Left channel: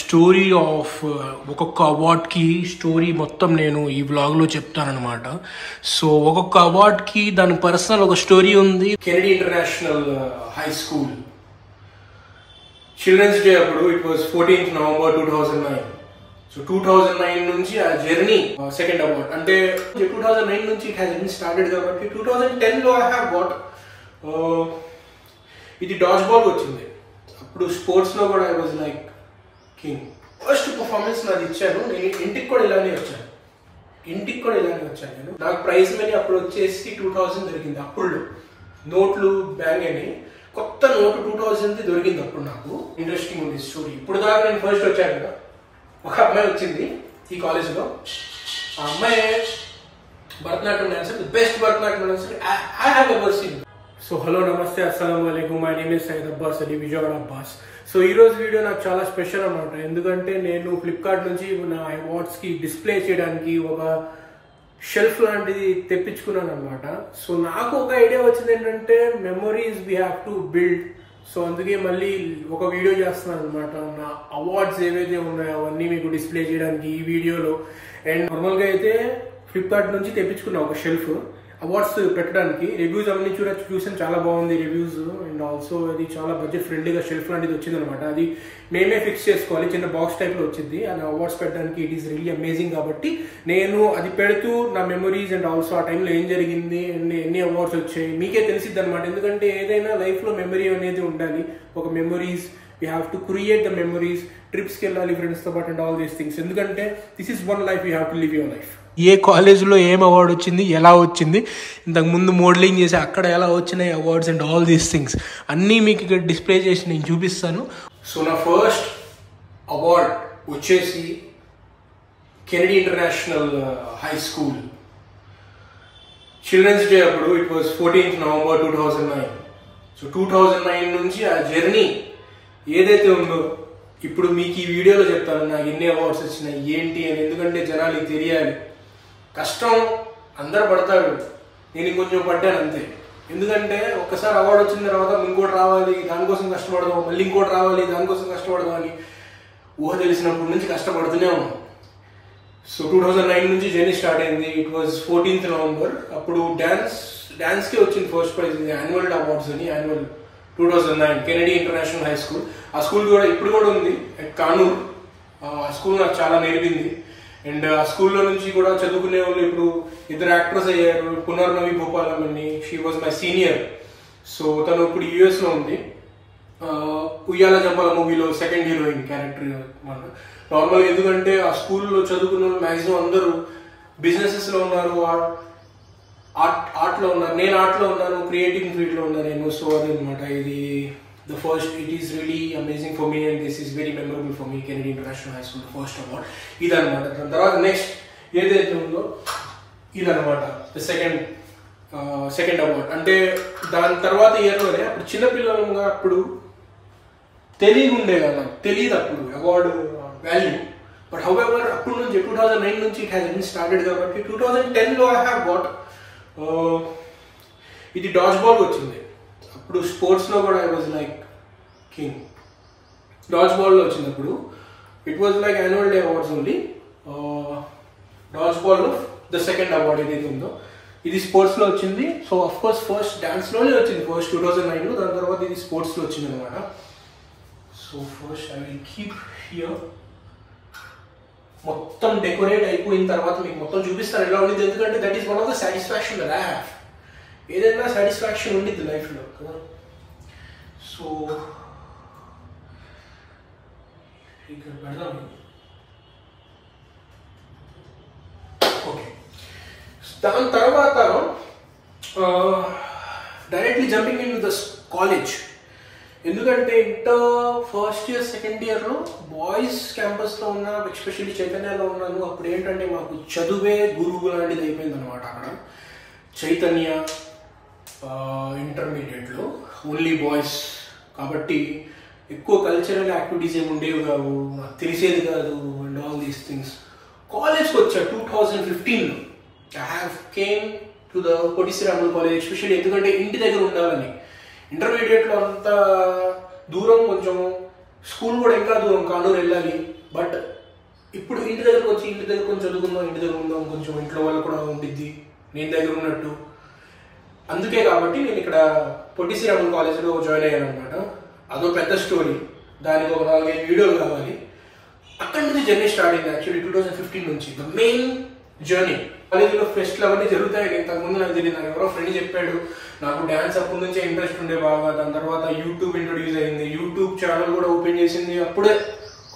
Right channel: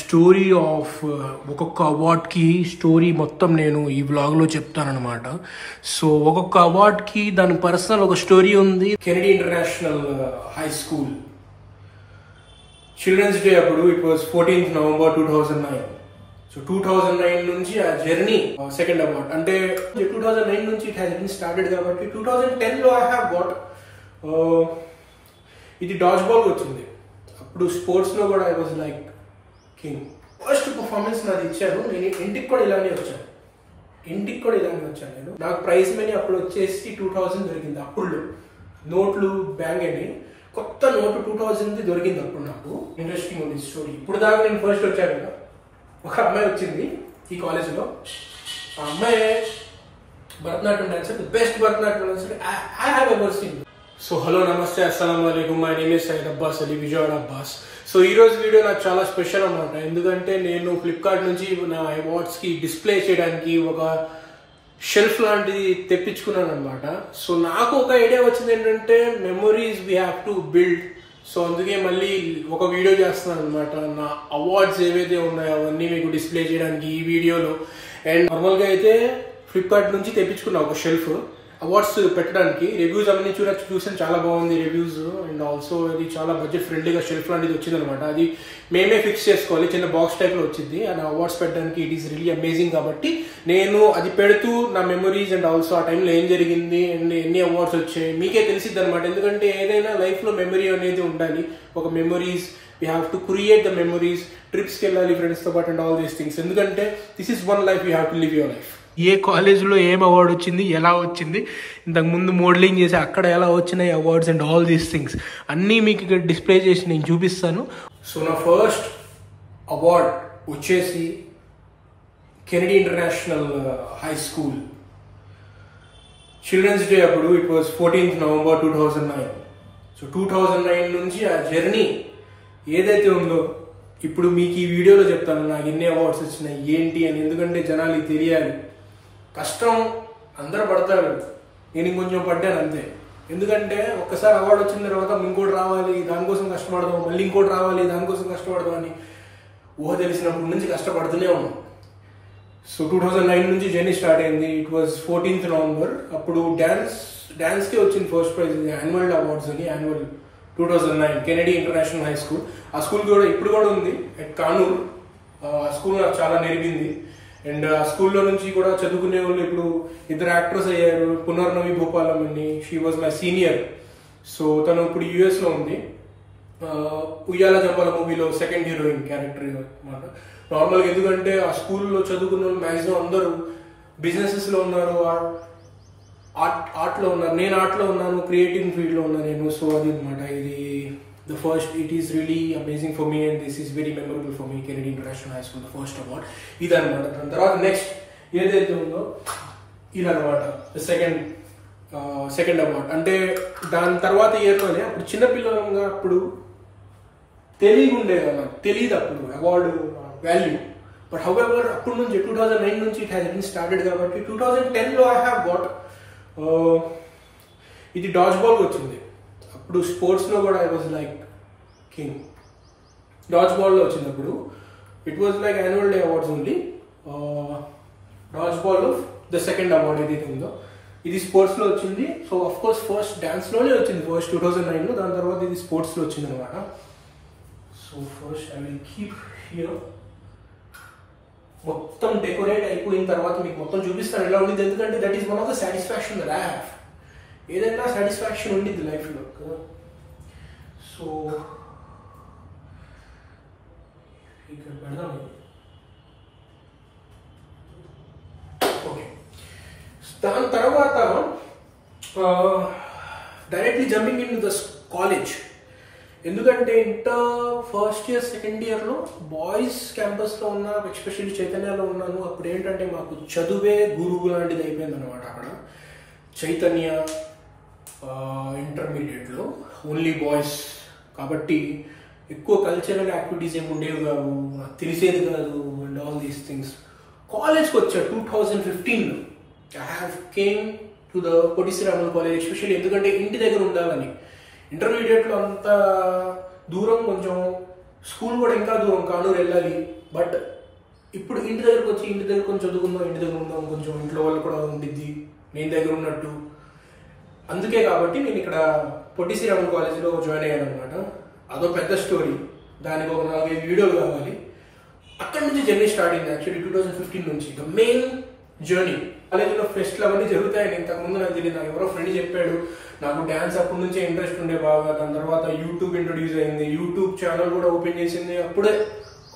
Story of ఒక్కొక్క అవార్డ్కి story మొత్తం నేను ఈ వ్లాగ్లో చెప్తానన్నమాట. సో ఒక్కొక్క అవార్డ్కి దాని పర్సనల్ ఒక స్టోరీ ఉంది. Kennedy International High School children's day అప్పుడు it was 14th November 2009. So 2009 నుంచి ఆ జర్నీ సెకండ్ అవార్డ్ అంటే 2009 నుంచి ఇట్ హ్యాస్ బీన్ స్టార్టెడ్ కాబట్టి 2010లో ఐ హ్యావ్ గాట్ ఇది డాజ్ బాల్ వచ్చింది. అప్పుడు స్పోర్ట్స్లో కూడా I was like king. First performance నాది ఇచ్చాను. నేను ఇంటికి కూడా ఇలానే వచ్చాను నేను. నాకు ప్రైజ్ మనీ అప్పుడు వచ్చేసి 2000 దొరికింది. అప్పుడు నోట్లు బ్యాంక్ అని కొత్త నోటు 2000 దొరికింది. అప్పుడు నాకు ఇంట్రెస్టింగ్ ఉంది స్టోరీ. ఇప్పుడు దాకా నేను ఫస్ట్ వచ్చాను కదా, ఒక అమ్మాయి వచ్చింది ఈ కాలేజ్లో. ఆ అమ్మాయి Bharatanatyam dancer, best Bharatanatyam dancer I have ever seen. So hello నమస్తే, అస్సలం వాలేకుమ్. My name is Syed Abbas Ali, Vijayawada Abbas. So ఈరోజు వీడియో నాకు చాలా స్పెషల్ అనమాట. ఎందుకంటే నేను ఫ్లిప్కార్ట్ నుంచి నా అవార్డ్స్కి డిస్ప్లే చేయడానికి ఒక షెల్ఫ్ లాంటిది తెప్పించుకున్నాను అనమాట. సో నాకు ఒక ఐడియా వచ్చింది ఏంటంటే memories we have to build. So అందుకే మళ్ళీ ఒక వీడియో చేస్తున్నాను అనమాట. నా అవార్డ్స్ ఏవైతే ఉన్నాయో అవన్నీ మీకు డిస్ప్లే చేయడానికి ఈ వీడియోలో. అండ్ నార్మల్గా అయితే ఫ్లిప్కార్ట్ నుంచి తెప్పించుకున్నా ఒక షెల్ఫ్ అవార్డ్స్ పెట్టడానికి. రివ్యూస్ అన్ని చూసాను, చాలా బాగుంది రివ్యూస్. అండ్ ఆల్సో అది చాలా బడ్జెట్ ఫ్రెండ్లీగా షెల్ఫ్ లాంటిది వచ్చింది అనమాట. అది మేమే ఫిక్స్ చేసుకోవాలి, చిన్న బాక్స్ టైప్లో వచ్చింది. అండ్ అవార్డ్స్ పెట్టడానికి ఇట్ ఈస్ రియల్లీ అమేజింగ్. కాబట్టి నేను అది పెడుతూ నా మెమరీస్ అండ్ ఆల్సో ఆ టైంలో ఏం జరిగింది అండ్ ఎన్ని అవార్డ్స్ వచ్చాయి మీకే తెలిసిద్ది అనమాట. ఎందుకంటే ఏదైనా లైఫ్లో మెమరీ అనేది ఉండాలి. ఒక memories we have to create the memories. ట్రిప్స్కి వెళ్ళాలి ఫ్రెండ్స్తో పాటు అండ్ ఆల్ దీస్ థింగ్స్. ఎందుకంటే this is one life, you have to live your life. ఏ కాలేజ్లో ఏం అవార్డు వచ్చింది, ఎలా వచ్చింది, ఇంతకు ముందు మోడలింగ్ చేసి అక్కడ ఎలా వచ్చినాయి awards and all these things అన్నీ మీకు ఇక్కడ డిస్ప్లే చేసి నేను చూపిస్తాను. సో నా ఫస్ట్ అవార్డ్ వచ్చేసి Kennedy International High School children's day అప్పుడు it was 14th November 2009. So 2009 నుంచి ఆ జర్నీ ఏదైతే ఉందో ఇప్పుడు మీకు ఈ వీడియోలో చెప్తాను నాకు ఎన్ని అవార్డ్స్ వచ్చినాయి ఏంటి అని. ఎందుకంటే జనాలకి తెలియాలి. కష్టం అందరు పడతారు, నేను ఇంకొంచెం పడ్డాను అంతే. ఎందుకంటే ఒక్కసారి అవార్డు వచ్చిన తర్వాత ఇంకోటి రావాలి, దానికోసం కష్టపడదాం, మళ్ళీ ఇంకోటి రావాలి, దానికోసం కష్టపడదాం అని ఊహ తెలిసినప్పటి నుంచి కష్టపడుతూనే ఉన్నాం. సో 2009 నుంచి జర్నీ స్టార్ట్ అయింది. It was 14th November. అప్పుడు డాన్స్కే వచ్చింది ఫస్ట్ ప్రైజ్, యాన్యువల్ అవార్డ్స్ అని. Annual 2009 Kennedy International High school. ఆ స్కూల్ కూడా ఇప్పుడు కూడా ఉంది అట్ కానూర్. ఆ స్కూల్ నాకు చాలా నేర్పింది. అండ్ ఆ స్కూల్లో నుంచి కూడా చదువుకునే వాళ్ళు ఇప్పుడు ఇద్దరు యాక్టర్స్ అయ్యారు. పునర్నవి భూపాలం అని, she was my senior. So తను ఇప్పుడు యుఎస్లో ఉంది. ఉయ్యాల జంపాల మూవీలో సెకండ్ హీరోయిన్ క్యారెక్టర్ మాట. నార్మల్గా ఎందుకంటే ఆ స్కూల్లో చదువుకున్న వాళ్ళు మ్యాక్సిమం అందరూ బిజినెసెస్లో ఉన్నారు, ఆర్ట్లో ఉన్నారు. నేను ఆర్ట్లో ఉన్నాను, క్రియేటివ్ ఫీల్డ్లో ఉన్నాను నేను. సో అది అనమాట ఇది the first. It is really amazing for me and this is very memorable for me. Kennedy International High School, the first award ఇదన్నమాట. దాని తర్వాత నెక్స్ట్ ఏదైతే ఉందో ఇదన్నమాట ద సెకండ్ అవార్డ్. అంటే దాని తర్వాత ఇయర్లోనే అప్పుడు చిన్నపిల్లలంగా అప్పుడు తెలియకుండే కదా, తెలియదు అప్పుడు అవార్డు వాల్యూ. బట్ హౌఎవర్ అప్పుడు నుంచి 2009 నుంచి ఇట్ హ్యాస్ బీన్ స్టార్టెడ్ కాబట్టి 2010లో ఐ హ్యావ్ గాట్ ఇది డాజ్ బాల్ వచ్చింది. అప్పుడు స్పోర్ట్స్లో కూడా ఐ వాజ్ లైక్ కింగ్. డాజ్ బాల్లో వచ్చింది అప్పుడు. It was like annual day awards only. డాజ్ బాల్లో ద సెకండ్ అవార్డ్ ఏదైతే ఉందో ఇది స్పోర్ట్స్లో వచ్చింది. సో అఫ్ కోర్స్ ఫస్ట్ డాన్స్లోనే వచ్చింది ఫస్ట్ 2009లో. దాని తర్వాత ఇది స్పోర్ట్స్లో వచ్చింది అనమాట. So first I will keep here. మొత్తం డెకరేట్ అయిపోయిన తర్వాత మీకు మొత్తం చూపిస్తాను ఎలా ఉండింది. ఎందుకంటే that is one of the satisfaction that I have. ఏదైనా సాటిస్ఫాక్షన్ ఉండిద్ది లైఫ్లో కదా. సో ఇక్కడ పెడదాం. ఓకే, దాని తర్వాత directly jumping in the college. ఎందుకంటే ఇంటర్ ఫస్ట్ ఇయర్ సెకండ్ ఇయర్లో బాయ్స్ క్యాంపస్లో ఉన్నా, ఎస్పెషల్లీ చైతన్యలో ఉన్నాను. అప్పుడు ఏంటంటే మాకు చదువే గురువు లాంటిది అయిపోయింది అనమాట. అక్కడ చైతన్య ఇంటర్మీడియట్లో ఓన్లీ బాయ్స్ కాబట్టి ఎక్కువ కల్చరల్ యాక్టివిటీస్ ఏమి ఉండేవి కావు, తెలిసేది కాదు అండ్ ఆల్ దీస్ థింగ్స్. కాలేజ్కి వచ్చా 2015లో. I have came to the Potti Sriramulu college especially. ఎందుకంటే ఇంటి దగ్గర ఉండాలని. ఇంటర్మీడియట్లో అంత దూరం కొంచెం స్కూల్ కూడా ఇంకా దూరం, కానూరు వెళ్ళాలి. బట్ ఇప్పుడు ఇంటి దగ్గరకు వచ్చి ఇంటి దగ్గర కొంచెం చదువుకుందాం, ఇంటి దగ్గర ఉందాం, కొంచెం ఇంట్లో వాళ్ళు కూడా ఉండిద్ది నేను దగ్గర ఉన్నట్టు. అందుకే కాబట్టి నేను ఇక్కడ పొట్టి శ్రీరాములు కాలేజీలో జాయిన్ అయ్యాను అనమాట. అదో పెద్ద స్టోరీ, దానికి ఒక 4-5 వీడియోలు కావాలి. అక్కడ నుంచి జర్నీ స్టార్ట్ అయింది యాక్చువల్లీ 2015 నుంచి. ద మెయిన్ జర్నీ కాలేజీలో ఫెస్ట్లు అవన్నీ జరుగుతాయి. ఇంతకుముందు నాకు తెలియదు, నాకు ఎవరో ఫ్రెండ్ చెప్పాడు. నాకు డ్యాన్స్ అప్పటి నుంచే ఇంట్రెస్ట్ ఉండే బాగా. దాని తర్వాత యూట్యూబ్ ఇంట్రొడ్యూస్ అయింది, యూట్యూబ్ ఛానల్ కూడా ఓపెన్ చేసింది. అప్పుడే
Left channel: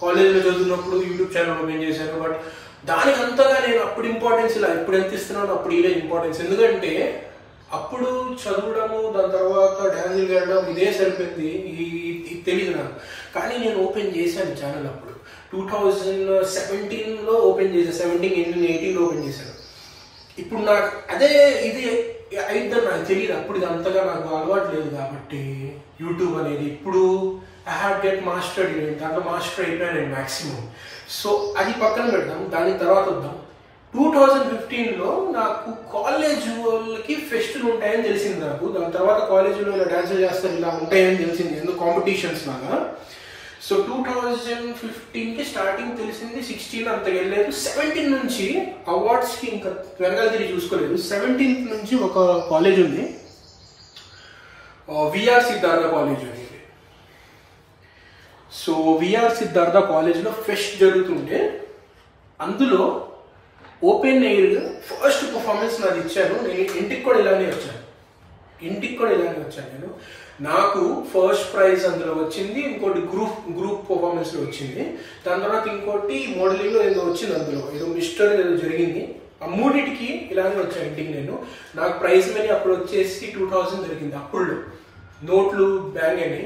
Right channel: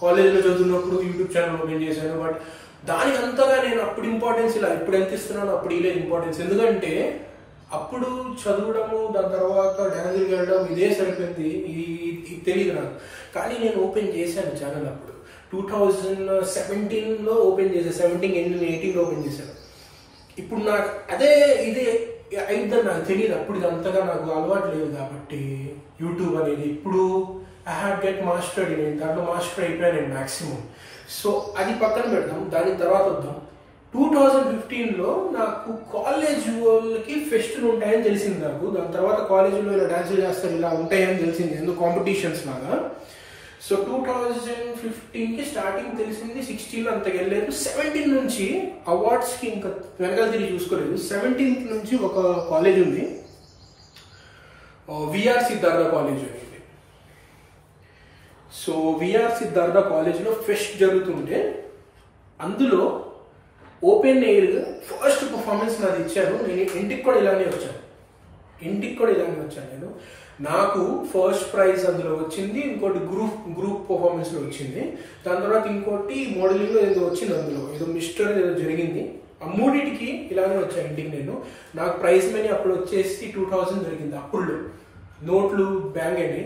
కాలేజీలో చదువుతున్నప్పుడు యూట్యూబ్ ఛానల్ ఓపెన్ చేశాను. బట్ దానికి అంతగా నేను అప్పుడు ఇంపార్టెన్స్ ఇలా ఇప్పుడు ఎంత ఇస్తున్నానో అప్పుడు ఇలా ఇంపార్టెన్స్. ఎందుకంటే అప్పుడు చదవడము, దాని తర్వాత డ్యాన్స్కి వెళ్ళడం ఇదే సరిపోయింది, ఇది తెలియదు నాకు. కానీ నేను ఓపెన్ చేశాను ఛానల్ అప్పుడు 2017లో ఓపెన్ చేశాను. 17-18 ఓపెన్ చేశాను. ఇప్పుడు నాకు అదే ఇది అయిద్దని నాకు తెలియదు. అప్పుడు ఇది అంతగా నాకు అలవాటు లేదు కాబట్టి యూట్యూబ్ అనేది. ఇప్పుడు ఐ హ్యావ్ గెట్ మాస్టర్డ్, నేను దాంట్లో మాస్టర్ అయిపోయాను నేను మ్యాక్సిమం. సో అది పక్కన పెడదాం, దాని తర్వాత వద్దాం. 2015లో నాకు కాలేజ్ వాళ్ళకి ఫెస్టులు ఉంటాయని తెలిసింది నాకు. దాని తర్వాత కాలేజీలో ఇలా డ్యాన్సులు చేస్తారు, ఇలా ఉంటాయని తెలిసింది, ఎందుకు కాంపిటీషన్స్ లాగా. సో 2015కి స్టార్టింగ్ తెలిసింది, 16 అంతకు వెళ్ళలేదు. 17 నుంచి అవార్డ్స్కి ఇంకా వెనకాల తిరిగి చూసుకోలేదు. 17th నుంచి ఒక కాలేజ్ ఉంది, విఆర్ సిద్ధార్థ కాలేజ్ అనేది. సో విఆర్ సిద్ధార్థ కాలేజ్లో ఫెస్ట్ జరుగుతుంటే అందులో ఓపెన్ ఎయిర్ ఫస్ట్ పర్ఫార్మెన్స్ నాది ఇచ్చాను. నేను ఇంటికి కూడా ఇలానే వచ్చాను నేను. నాకు ఫస్ట్ ప్రైజ్ అందులో వచ్చింది, ఇంకోటి గ్రూప్ పర్ఫార్మెన్స్లో వచ్చింది. దాని తర్వాత ఇంకోటి మోడలింగ్లో ఏదో వచ్చింది, అందులో ఏదో మిస్టర్ ఏదో జరిగింది. ఆ మూడింటికి ఇలానే వచ్చాను ఇంటికి నేను. నాకు ప్రైజ్ మనీ అప్పుడు వచ్చేసి 2000 దొరికింది. అప్పుడు నోట్లు బ్యాంగ్ అని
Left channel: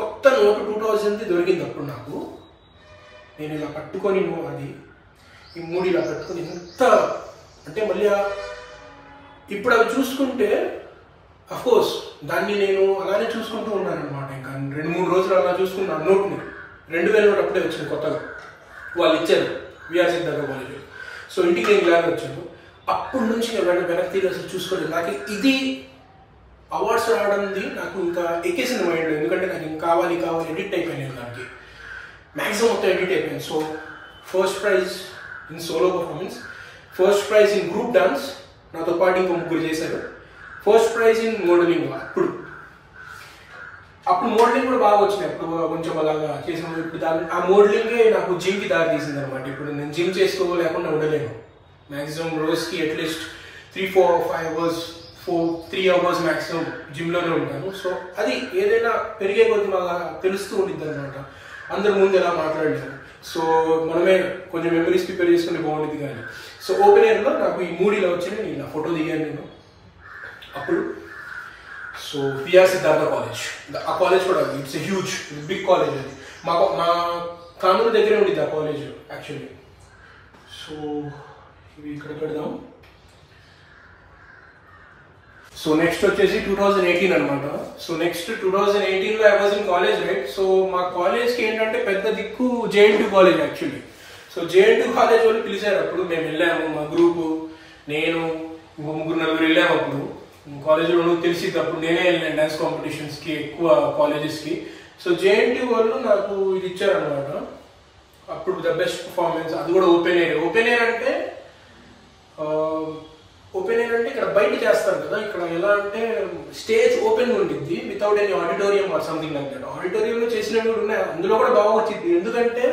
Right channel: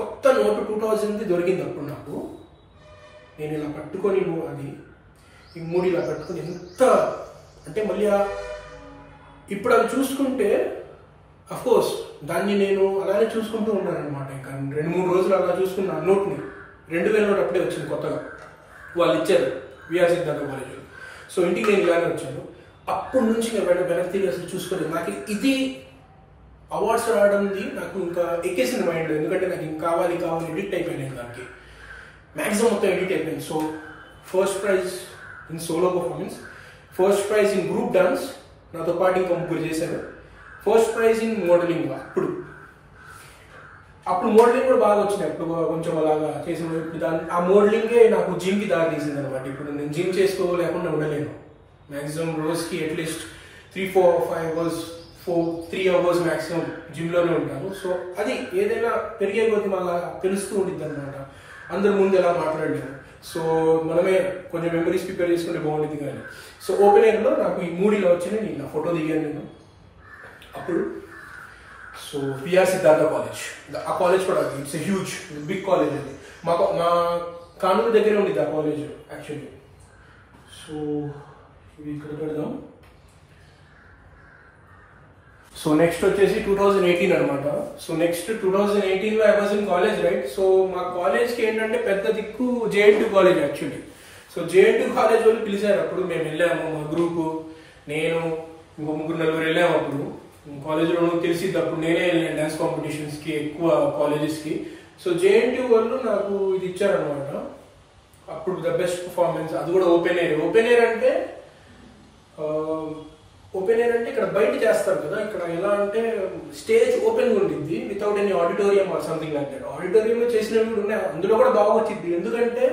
కొత్త నోటు 2000 దొరికింది అప్పుడు నాకు. నేను ఇలా పట్టుకొని అది ఈ 3 ఇలా పట్టుకొని ఎంత అంటే మళ్ళీ ఇప్పుడు అవి చూసుకుంటే అఫ్కోర్స్ దాన్ని నేను అలానే చూసుకుంటూ ఉన్నాను అనమాట. ఇంకా 2-3 రోజులు అలా చూసుకున్నాను నోట్ని. 2000 నోట్ అప్పుడే వచ్చింది కొత్తగా, వాళ్ళు ఇచ్చారు విఆర్ సిద్ధార్థ కాలేజ్. సో ఇంటికి నేను ఇలానే వచ్చాను. అప్పటి నుంచి నేను వెనక్కి తిరిగి అసలు చూసుకోలేదు. నాకు ఇది అవార్డ్స్ రావడంది నాకు ఇంకా ఎక్కేసింది మైండ్లో. ఎందుకంటే నాకు ఇంకా కావాలి ఎడిట్ అయిపోయాను దానికి, మ్యాక్సిమం మొత్తం ఎడిట్ అయిపోయింది. So first prize in solo performance, first prize in group dance, నాతో పాటు ఇంకో 3 చేశారు. First prize in modelling. అప్పుడు మోడలింగ్ కూడా బాగా వచ్చినాయి. అప్పుడు కొంచెం అలాగా చేసిన ఇప్పుడు ఆ మోడలింగే నాకు జిమ్కి దారి తీసింది అనమాట. ఇప్పుడు నేను జిమ్ చేసుకోలేకుండా ఉండలేను. మ్యాక్సిమం రోజుకి అట్లీస్ట్ 3-4-5 అవర్స్ 3 అవర్స్ మ్యాక్సిమం జిమ్లోనే ఉంటాను. సో అది ఏదైనా పెరిగే కొద్ది మళ్ళీ తెలుస్తూ ఉండిద్ది అనమాట. అందరి ముందు ఎలా మాట్లాడలేదు. సో మనమే కొంచెం మెమరీస్ ప్రిపేర్ చేసుకుంటే బాగుంటుంది కానీ. సో ఓపెన్ ఎయిర్లో నాకు ఈ 3 ఇలా వచ్చినాయి. నేను నా ఫోటో దిగాను నేను అప్పుడు. సో విఆర్ సిద్ధార్థ కాలేజ్, ఆ కాలేజ్ కూడా it's a huge big college. అది మా కానూరు దగ్గరే ఉండేది ఆ కాలేజ్ యాక్చువల్లీ. సో ఇవి ఇక్కడ పెడదాం. సో నెక్స్ట్ వచ్చేసి 2018 అనమాట. సో నెక్స్ట్ 2018లో I was in college right. So మా కాలేజ్కి ఏంటంటే పెద్ద దిక్కు JNT college actually. So JNT college వాళ్ళు పిలిచారు. అప్పుడు మేము వెళ్ళాము, మా గ్రూపు, నేను ఇంకో 3-4 వెళ్ళాము. అప్పుడు కాలేజ్లో తెలిసిద్ది. అప్పుడు నేనే వెళ్ళాను డ్యాన్స్ కాంపిటీషన్స్కి ఎక్కువ కాలేజెస్కి. సో జేఎన్టీ వాళ్ళు నాకు ఇది ఇచ్చారనమాట. అప్పుడు ద బెస్ట్ పర్ఫార్మెన్స్, అది కూడా ఓపెన్ ఎయిర్. ఓపెన్ ఎయిర్ అంటే ఇక్కడ బయట చేస్తారు కదా. ఇక్కడ ఎలా అంటే స్టేజ్ ఓపెన్ ఉండిద్ది without any auditorium or something like that. ఆడిటోరియంలో చేసినవి కూడా ఉన్నాయి, అందులో కూడా బాగా వచ్చింది. ఎందుకంటే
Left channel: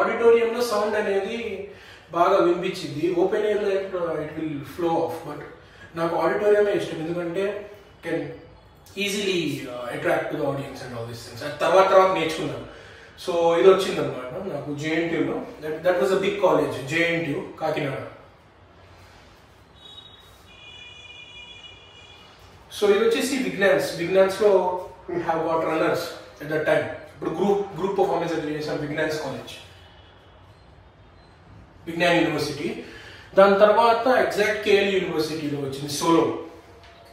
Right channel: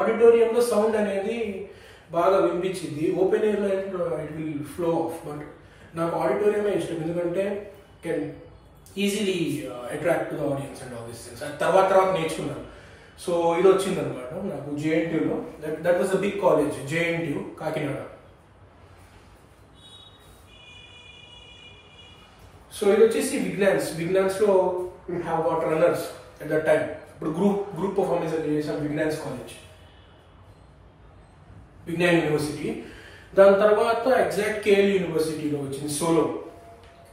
ఆడిటోరియంలో సౌండ్ అనేది బాగా వినిపించింది. ఓపెన్ ఎయిర్లో it will flow off. But నాకు ఆడిటోరియమే ఇష్టం, ఎందుకంటే can easily attract to the audience and all these things. తర్వాత నేర్చుకున్నాను. సో ఇది వచ్చింది అనమాట నాకు జేఎన్టీయూలో. That was a big college, JNTU Kakinada. So ఇది వచ్చేసి విజ్ఞాన్స్లో we have got runners at that time. ఇప్పుడు గ్రూప్ పర్ఫార్మెన్స్ అయితే చేసాం విజ్ఞాన్స్ కాలేజ్, విజ్ఞాన్ యూనివర్సిటీ. దాని తర్వాత ఎగ్జాక్ట్ కేఎల్ యూనివర్సిటీలో వచ్చింది సోలో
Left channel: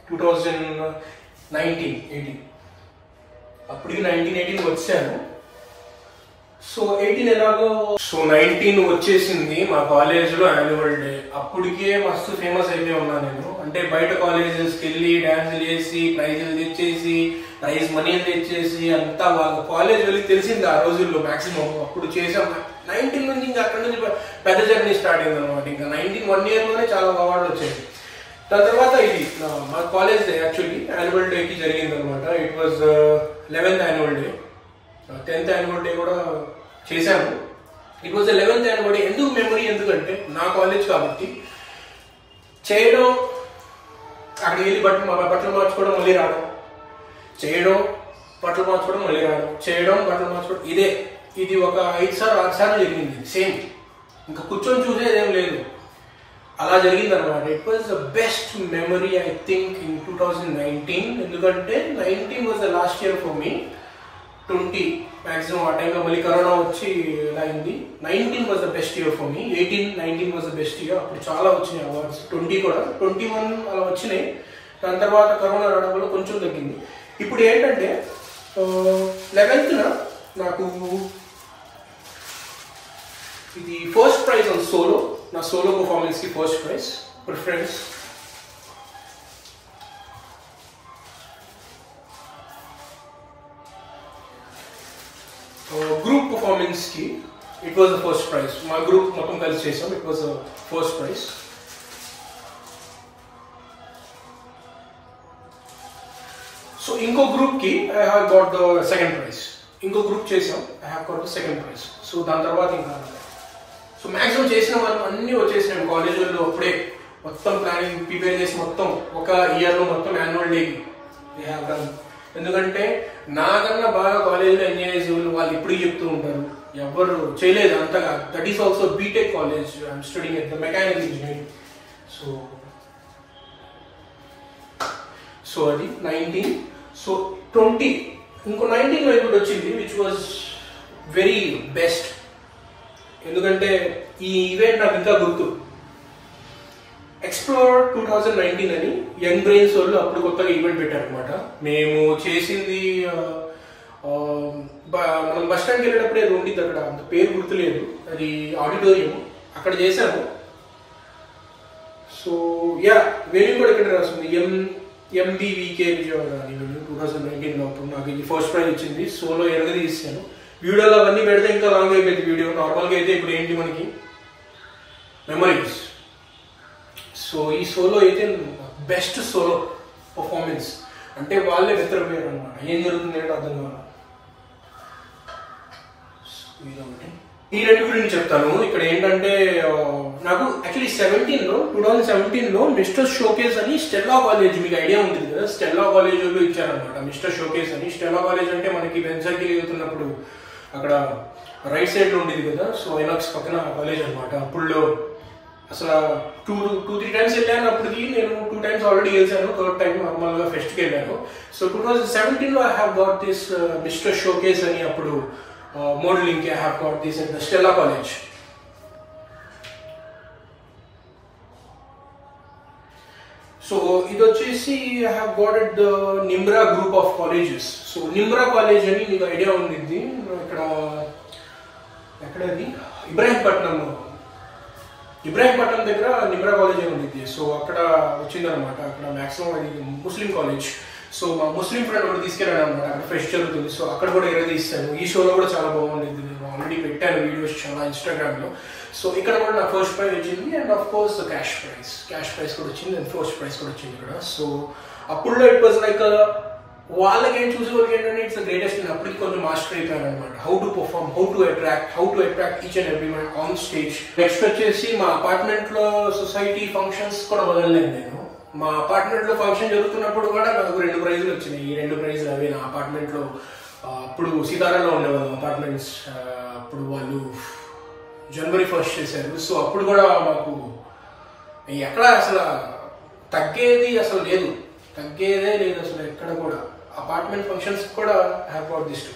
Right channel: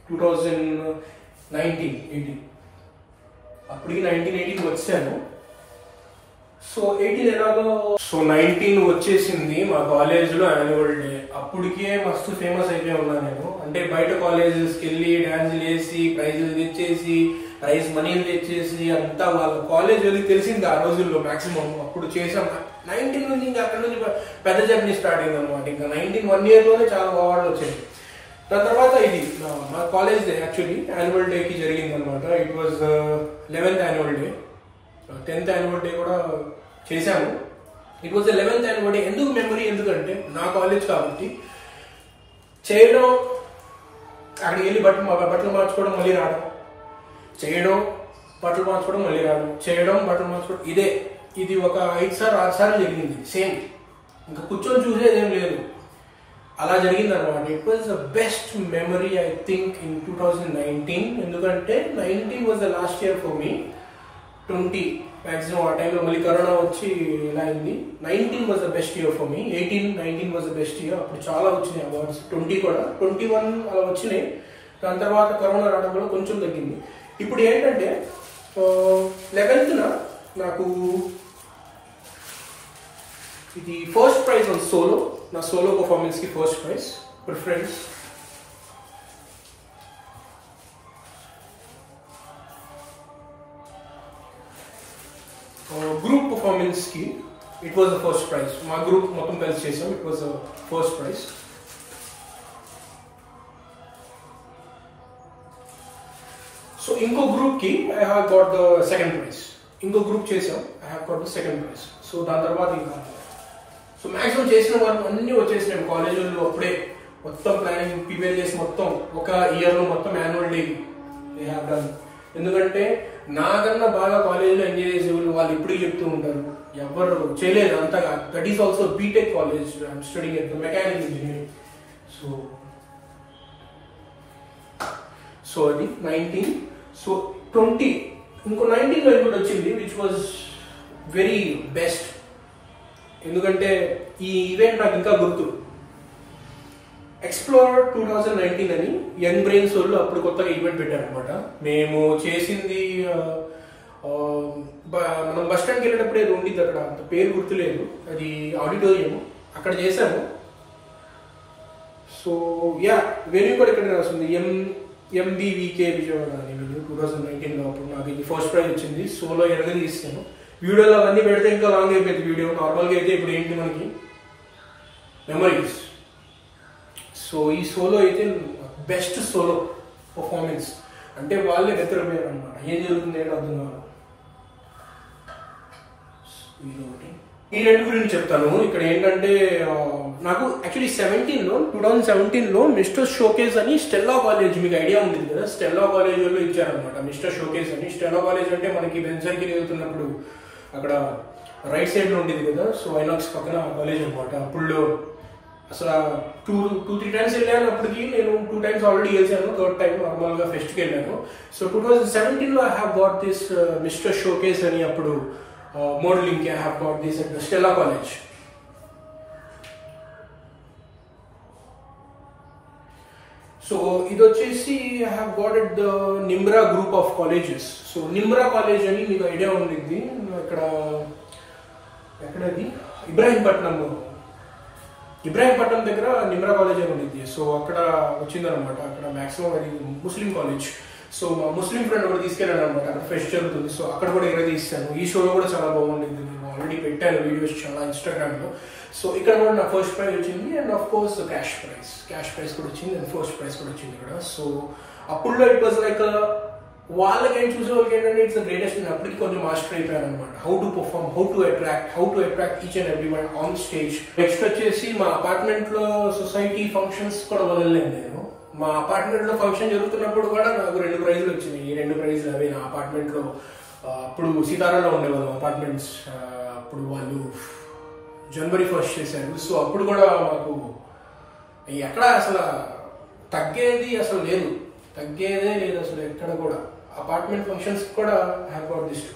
2019-18. అప్పటికి 19-18 వచ్చాను. సో 18 ఎలాగో, సో 19 వచ్చేసింది మా కాలేజ్లో యాన్యువల్ డే. అప్పటికే మస్తు ఫేమస్ అయితే ఉన్నా నేను. అంటే బయట కాలేజెస్కి వెళ్ళి డాన్సులు వేసి ప్రైజులు తెచ్చేసి ప్రైజ్ మనీలు తెచ్చేసి అంతా వాళ్ళ కాలేజ్ వెళ్ళి తెలిసింది ఆ రోజుల్లో మాక్సిమం. అప్పుడు చేసాం 19 నుంచి. ఇంకా అక్కడ నుంచి పెద్ద జర్నీ స్టార్ట్ అయింది అనమాట. ఇంకా 19 1 ఇయర్లోనే చాలా అవార్డులు వచ్చాయి. దాని తర్వాత ఇది మా కాలేజ్ డే యాక్చువల్లీ యాన్యువల్ డేకి జరిగింది అనమాట. It was 11th annual day. 10th annual day కూడా చేశాము. It was 11th annual day. ఎందుకు మెమరీ? ఎందుకంటే నా కాలేజ్ కాబట్టి చేయడం, అక్కడికి వెళ్ళి బట్టలు మార్చుకోవడం, మళ్ళీ రావడం, చేయడం, బట్టలు మార్చుకోవడం, మళ్ళీ రావడం, చేయడం, బట్టలు మార్చుకోవడం, ఇది ఒక 5 సార్లు 6 సార్లు జరిగింది సేమ్. ఇంకా కూర్చొని చూసేదేం లేదు, అలా జరిగింది అనమాట. It was the best memory I think in 2019. ఎందుకంటే 19 was the last year for me. 20 maximum ఆ టైంలో మళ్ళీ కరోనా వచ్చి ఇలా అయింది. 19 was the best year for me. 18, 19 was the best year. అప్పుడు చాలా వచ్చినాయి అవార్డ్స్. 20 కూడా, 21 అలా వచ్చినాయి. దాని తర్వాత కరోనా రావడం వల్ల కొంచెం తగ్గింది. ఇప్పుడు ఏంటంటే 11th నాకు ఇది ఫస్ట్ ప్రైజ్ ఆన్ సోలో. నా సోలో పర్ఫార్మెన్స్కి ఫస్ట్ ప్రైజ్ ప్రిఫరెన్స్. గ్రూప్ పర్ఫార్మెన్స్కి it was the first prize. మా గ్రూప్ మొత్తం కలిసి చేసాం. It was the first prize. So ఇంకో గ్రూప్కి I have got the second prize. ఇంకో గ్రూప్ చేసాం, I have got the second prize. So దాని తర్వాత ఇంకా సో మ్యాక్సిమం చేసిన వాళ్ళు అన్నీ వచ్చేసినాం కాలేజీలో. అప్పుడే మొత్తం ప్లానింగ్ ప్రిపేర్ చేసి మొత్తం ఒక ఇయర్లో మొత్తం యాన్యువల్ డేకి దే హ్యావ్ డన్. ఎందుకంటే నాకన్నా బాగా కాలేజీలో ఎంజాయ్ చేసే వాళ్ళు ఇప్పుడు చెప్తూ ఉంటారు, ఎవరు చేయలేదు అంతగా. That is also BTech college. I'm studying at the mechanical engineering. So అది 19. సో 20 ఇంకో 19లో ఇంకోటి వచ్చింది విచ్ వాజ్ వెరీ బెస్ట్. ఎందుకంటే ఈ ఈవెంట్ నాకు ఇంకా గుర్తు. ఎక్స్ప్లోర్ 2019 అని యంగ్ బ్రెయిన్స్ వాళ్ళు అప్పుడు కొత్తగా ఈవెంట్ పెట్టారనమాట. మేము చేసింది మనం బస్ స్టాండ్కి వెళ్ళేటప్పుడు ఏదో ఉండిద్ది అక్కడ, అంత పేరు గుర్తులేదు, అది ఆడిటోరియం, అక్కడ చేశాము. సో యా వెరీ కూడా ఇక్కడ రాస్తుంది ఎంబీవీకే విజయవాడ అని. నేను 2019లో అప్పుడు నాకు ఇది ఫస్ట్ ప్రైజ్ వచ్చింది. సోలో ఎరగదీసాను. వీడియోలో అవన్నీ పెడితే ఇంకా లాంగ్ అయిపోయింది వీడియో. నార్మల్గా అయితే ఇప్పుడు ఏంటి మనకి మెమరీస్. సో ఈ సోలో అయితే బెస్ట్ సోలో పర్ఫార్మెన్స్. అంటే వాళ్ళే వెతరపోయారు అనమాట, ఏం జరుగుతుంది అంటే అర్థం కావాలి. ఇదొకటి. ఈ రెండు గురించి చెప్తాను. ఇక్కడ ఏంటంటే నాకు యాక్చువల్లీ 2017లో మిస్టర్ షోకేస్ అని స్టెల్లా కాలేజ్, మీకు ఐడియా ఉంటుంది కదా, స్టెల్లా కాలేజ్ వాళ్ళు ఇచ్చారనమాట మిస్టర్ షోకేస్ అని. స్టెల్లా కాలేజ్ అంటే మనకి వెన్సర్కి వెళ్తున్నప్పుడు అక్కడ రైట్ సైడ్లో ఉండేది కదా. సో ఐనాక్స్ పక్కన కాలేజ్ అనమాట. అప్పుడు అసలు 2-3 టైమ్స్ వెళ్ళాను. అప్పటికి నేను 2 టైమ్స్ ఆల్రెడీ గెలిచాను, 3rd టైం నార్మల్గా ఫెస్ట్కి వెళ్ళాను. సో 2017లో I have got this mister showcase అని. అప్పుడు modelling I have got this at the Stella college. So ఇది వచ్చేసి I have got at the Nimra group of colleges. So Nimra college అని మీకు ఐడియా ఉండిద్ది. ఇక్కడ ఎక్కడది ఇబ్రాహీంపట్నం దగ్గర నిమ్రా కాలేజ్ అని ఉండిద్ది. సో అక్కడ వచ్చిందనమాట. అక్కడ మ్యాక్సిమం అది ముస్లిం కాలేజ్. సో మా ముస్లిం ఫ్రెండ్ ఒకటి తీసుకెళ్ళాను అనమాట. అక్కడ ఫెస్ట్ జరుగుతుంది. సో అక్కడ కూడా ఎరగదీస్తాను. ఈ షోలో కూడా చాలా బాగుంది. నేను ఆల్రెడీ పెట్టాను వీడియోస్ చాలా ఇన్స్టాగ్రామ్లో. సో ఇక్కడ కూడా నా ఫస్ట్ ప్రైజ్ వచ్చింది. And of course cash prize కూడా వచ్చింది. అండ్ ఫస్ట్ ప్రైజ్ కూడా వచ్చింది ఇక్కడ. సో అప్పుడులో ఇట్ వాజ్ లైక్ వాళ్ళకి ఏం చూసే వాళ్ళకి ఏంటంటే ఇట్స్ ద గ్రేటెస్ట్. నేను అప్పటికి కొంచెం మాస్టర్ అయిపోయాను అనమాట. How to perform, how to attract each and every one on stage. Next వచ్చేసి మా అపార్ట్మెంట్లో సొసైటీ ఫంక్షన్స్ కూడా వదలలేదు నేను. మా అపార్ట్మెంట్లో ఫంక్షన్ జరుగుతున్నప్పుడు కూడా నాకు 2 ప్రైజులు వచ్చినాయి. ఈ 2 ప్రైజులు అవి నా అపార్ట్మెంట్లో. అప్పుడు సీతారాలో ఉండేవాళ్ళం అపార్ట్మెంట్స్. అప్పుడు వాళ్ళు January 1st చేశారు. సో అప్పుడు కూడా మాకు ఎక్కడ అసలు తగ్గేదే లేదు అసలు ఎక్కడ కూడా. అపార్ట్మెంట్ ఫంక్షన్స్ కూడా have got this to.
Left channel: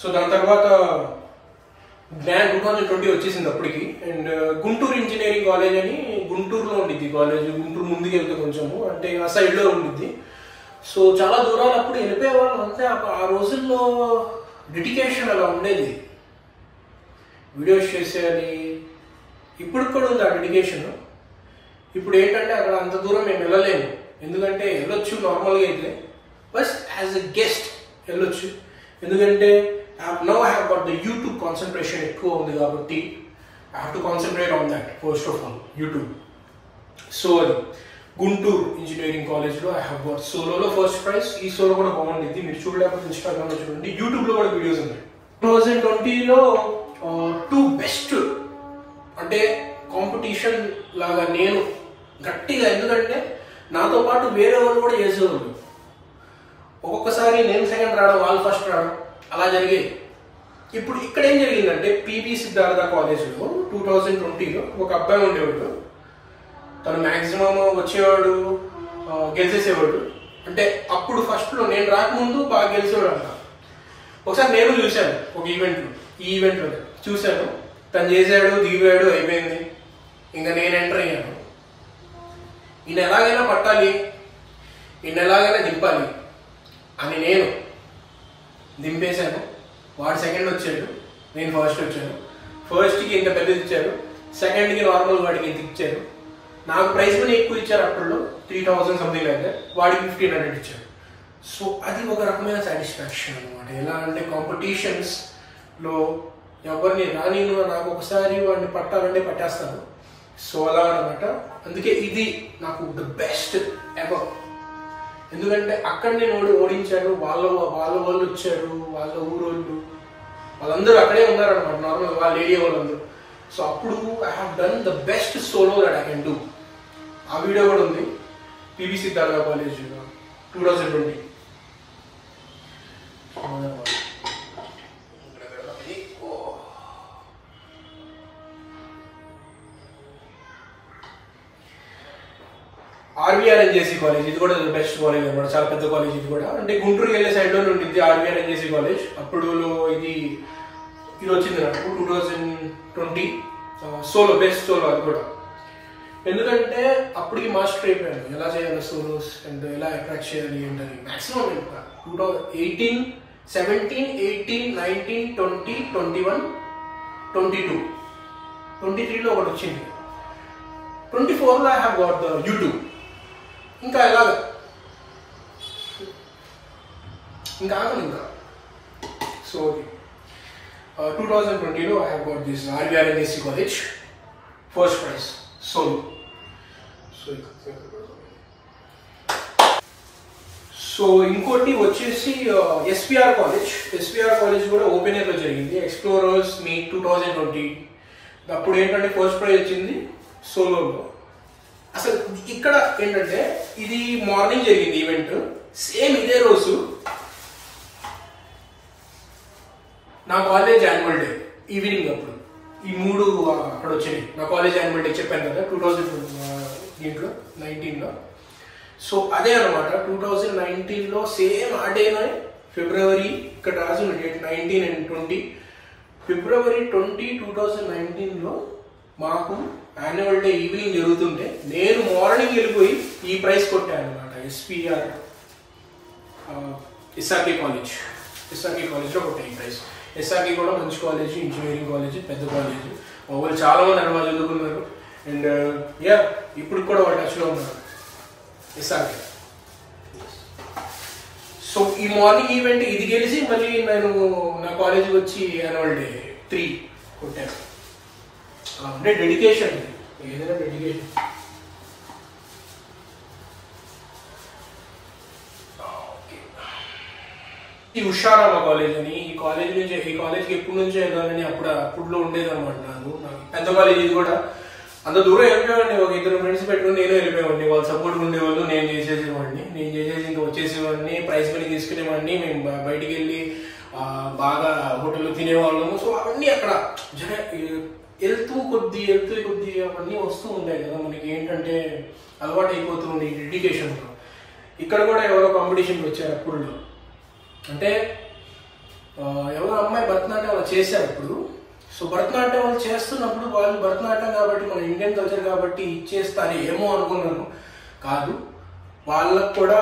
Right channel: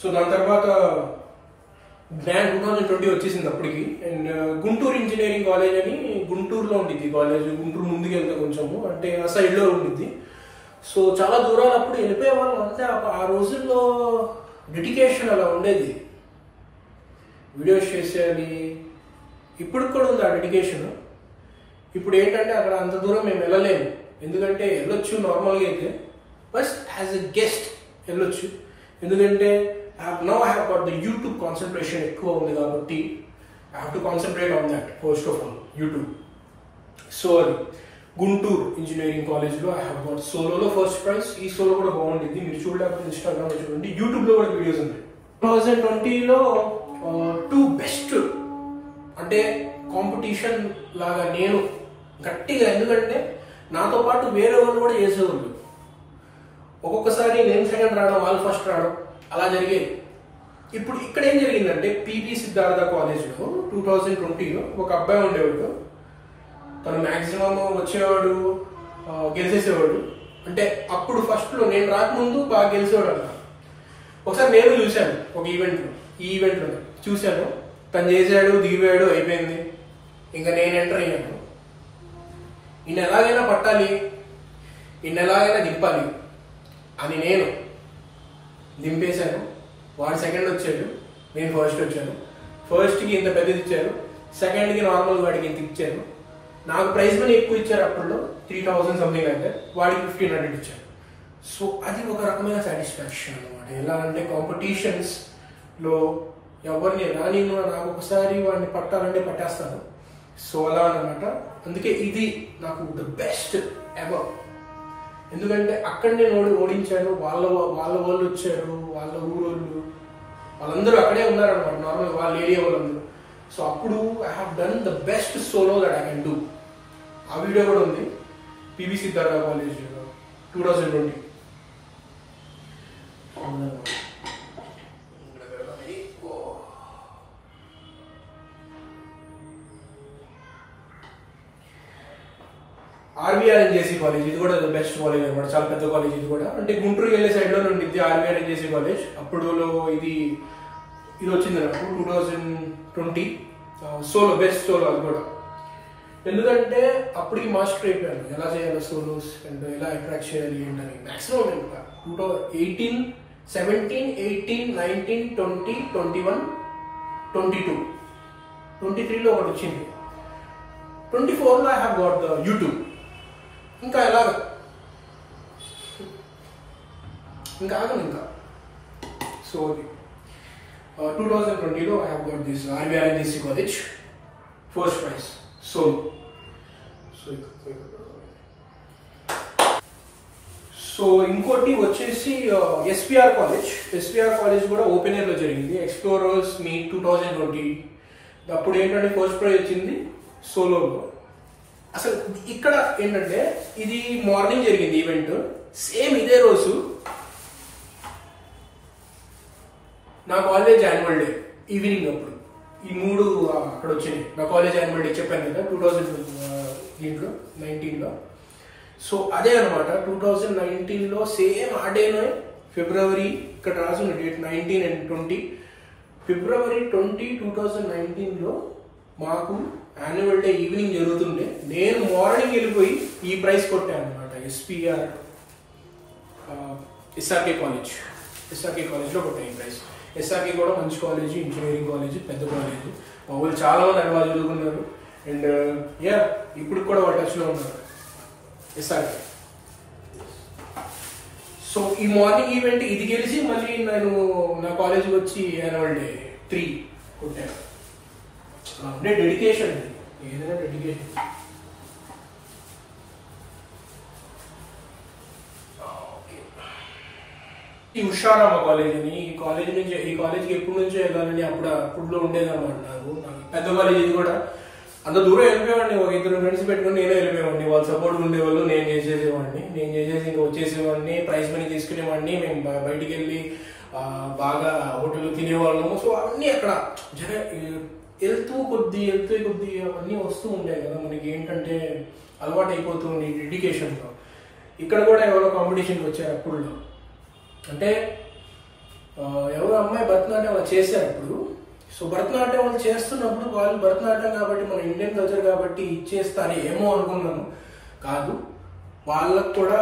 So దాని తర్వాత గ్రాండ్ 2020 వచ్చేసింది అప్పటికి. అండ్ గుంటూరు ఇంజనీరింగ్ కాలేజ్ అని గుంటూరులో ఉండిద్ది కాలేజ్. గుంటూరు ముందుకు వెళ్తే కొంచెము అంటే ఆ సైడ్లో ఉండిద్ది. సో చాలా దూరాలు అప్పుడు వెళ్ళిపోయేవాళ్ళం. అంటే ఆ రోజుల్లో డెడికేషన్ అలా ఉండేది. వీడియోస్ చేసేయాలి, ఇప్పుడు కూడా ఉంది ఆ డెడికేషన్. ఇప్పుడు ఏంటంటే అక్కడ అంత దూరం మేము వెళ్ళలేము. ఎందుకంటే వెళ్ళొచ్చు నార్మల్గా అయితే, బట్ యాజ్ ఎ గెస్ట్ వెళ్ళొచ్చు. ఎందుకంటే now I have got the YouTube concentration ఎక్కువ ఉంది కాబట్టి I have to concentrate on that first of all YouTube. So అది గుంటూరు ఇంజనీరింగ్ కాలేజ్లో ఐ హ్యావ్ గాట్ సోలోలో ఫస్ట్ ప్రైజ్. ఈ సోలో కూడా బాగుంటుంది, మీరు చూడలేకపోతే ఇన్స్టాగ్రామ్లో చూడండి, యూట్యూబ్లో కూడా వీడియోస్ ఉన్నాయి. 2020లో 2 బెస్ట్ అంటే కాంపిటీషన్ లాగా నేను గట్టిగా, ఎందుకంటే నాతో పాటు వేరే వాళ్ళు కూడా చేసేవాళ్ళు. ఒక్కొక్కసారి నేను సెకండ్ రావడం, వాళ్ళు ఫస్ట్ రావడం అలా జరిగేది. ఇప్పుడు ఇక్కడ ఏం జరిగిందంటే పిబి సిద్ధార్థ కాలేజ్లో 2020లో ఒక అబ్బాయి ఉండేవాడు. తను మ్యాక్సిమం వచ్చేవాడు, గెలిచేసేవాడు. అంటే అప్పుడు ఫస్ట్లో నేను రాకముందు బాగా గెలిచేవాడు అంట. ఒకసారి నేను చూశాను ఒక ఈవెంట్లో, ఈ ఈవెంట్లో చూశాను. తను చేశాడు, దిగాడు, అయిపోయింది. ఇంకా నేను ఎంటర్ అయ్యాను. ఈయన ఎలాగైనా పట్టాలి, ఈయన ఎలాగైనా దింపాలి అని నేను దింపేశాను. వాడు సెకండ్ వచ్చాడు, నేను ఫస్ట్ వచ్చాను. ఫస్ట్కి ఇంత పెద్దది ఇచ్చారు, సెకండ్కి నార్మల్ వాడికి ఇంత ఇచ్చారు. నాకు ప్రైజ్ కూడా ఎక్కువ ఇచ్చారు అప్పట్లో, 3000 సంథింగ్ అయితే, వాడికి 1500 ఇచ్చారు. సో అది ఒక రకమైన సాటిస్ఫాక్షన్ అనమాట. ఎలా అంటే కాంపిటీషన్స్లో ఎవరిని రాని నాకు ఒకసారి వాడిని పట్టాలంటే పట్టేస్తాను. సో అలా అనమాట. అందుకే ఇది నాకు ద బెస్ట్ ఎవర్. ఎందుకంటే అక్కడ నేను ఓడించాను, వాళ్ళ వాళ్ళు వచ్చారు, వాళ్ళ ఊరోళ్ళు వాళ్ళందరూ అక్కడే ఉన్నారనమాట, నార్మల్ వాళ్ళ ఏరియా వాళ్ళందరూ. సో అప్పుడు I have done the best solo that I can do. ఆ వీడియో కూడా ఉంది పిబి సిద్ధార్థ కాలేజ్ 2020. ఆర్బీఆర్ఎన్జేసీ కాలేజ్, ఇది కూడా బెస్ట్ కాలేజ్ అనమాట, చాలా పెద్ద కాలేజ్ ఇది కూడా. అంటే గుంటూరుకి వెళ్ళే సైడ్లో ఉండిద్ది ఆర్బీఆర్ఎన్జేసీ కాలేజ్. అప్పుడులో ఇది వచ్చింది నాకు 2020 సోలో, బెస్ట్ సోలో అది కూడా. ఎందుకంటే అప్పటికి మాస్టర్ అయిపోయాను ఎలా చేయాలి సోలోస్ అండ్ ఎలా అట్రాక్ట్ చేయాలి ఏంటని. మ్యాక్సిమం 2018, 17, 18, 19, 20, 21, 22, 23లో ఒకటి వచ్చింది. 24లో I have got the YouTube. ఇంకా ఎలాగ ఇంకా ఆగను ఇంకా. సో 2020లో I have got this RBRNJC college first prize solo. So ఇంకోటి వచ్చేసి ఎస్పీఆర్ కాలేజ్ కూడా ఓపెన్ ఎయిర్లో జరిగింది. Explorers meet 2020. అప్పుడు ఏంటంటే ఫస్ట్ ప్రైజ్ వచ్చింది సోలోలో. అసలు ఇక్కడ ఏంటంటే ఇది మార్నింగ్ జరిగింది ఈవెంట్. సేమ్ ఇదే రోజు నా కాలేజ్ యాన్యువల్ డే ఈవినింగ్. అప్పుడు ఈ 3 అక్కడ వచ్చినాయి. నా కాలేజ్ యాన్యువల్ డే చెప్పాను కదా 2019లో. సో అదే అనమాట 2019లో సేమ్ ఆ డేనే ఫిబ్రవరి, ఇక్కడ రాసిన డేట్ 19 and 20, ఫిబ్రవరి 20, 2019లో మాకు యాన్యువల్ డే ఈవినింగ్ జరుగుతుంటే నేను మార్నింగ్ వెళ్ళిపోయి ఈ ప్రైజ్ కొట్టాను అనమాట. ఎస్ఆర్కే కాలేజ్లో కొట్టాను ఈ ప్రైజ్. ఎస్ఆర్కే కూడా మంచి కాలేజ్, ఇంజనీరింగ్ కాలేజ్, పెద్ద కాలేజ్. మా ఊళ్ళు చాలా మంది అక్కడ చదువుకున్నారు. అండ్ ఇప్పుడు కూడా వాళ్ళు టచ్లో ఉన్నారు ఎస్ఆర్కే. సో ఈ మార్నింగ్ ఈవెంట్ ఇది గెలిచి మళ్ళీ నేను నా కాలేజీకి వచ్చి యాన్యువల్ డే 3 కొట్టాను. అలా ఉండే డెడికేషన్, ఏదైనా డెడికేషన్. ఈ ఉషారామ కాలేజ్ అని, ఈ కాలేజ్కి ఎప్పటి నుంచో వెళ్ళాలని అప్పుడులో ఉండేదన్నమాట. నాకు పెద్ద కాలేజ్ ఇది కూడా. అంత దూరం వెళ్ళిపోయేవాడిని, ఒక 2 ఫ్రెండ్స్ పెట్టుకుని నేను వెళ్ళిపోయేవాడిని. వాళ్ళు సపోర్ట్ ఉండేవాళ్ళు, నేను చేసేసి ఇంకా వచ్చేసేవాడిని, ప్రైజ్ మనీ తీసుకునేవాడిని. మేము బయటికి వెళ్ళి బాగా హోటల్లో తినేవాళ్ళము. సో అవన్నీ అక్కడ వెళ్తూ కొద్ది అవన్నీ వస్తూ ఉంటాయి కదా మనకి. ఏంటంటే అలవాటు అయిపోతుంది డెడికేషన్తో. ఇక్కడ కూడా ఎవరో కాంపిటీషన్కి వచ్చారు అప్పుడు. అంటే ఎవరో అమ్మాయి భరతనాట్యం అలా చేశారు అప్పుడు. సో భరతనాట్యం వాళ్ళు చేస్తున్నప్పుడు వాళ్ళు భరతనాట్యం కాబట్టి మన ఇండియన్ కల్చర్ కాబట్టి ఇచ్చేస్తారు ఏమో అనుకున్నాను. కాదు, వాళ్ళకు కూడా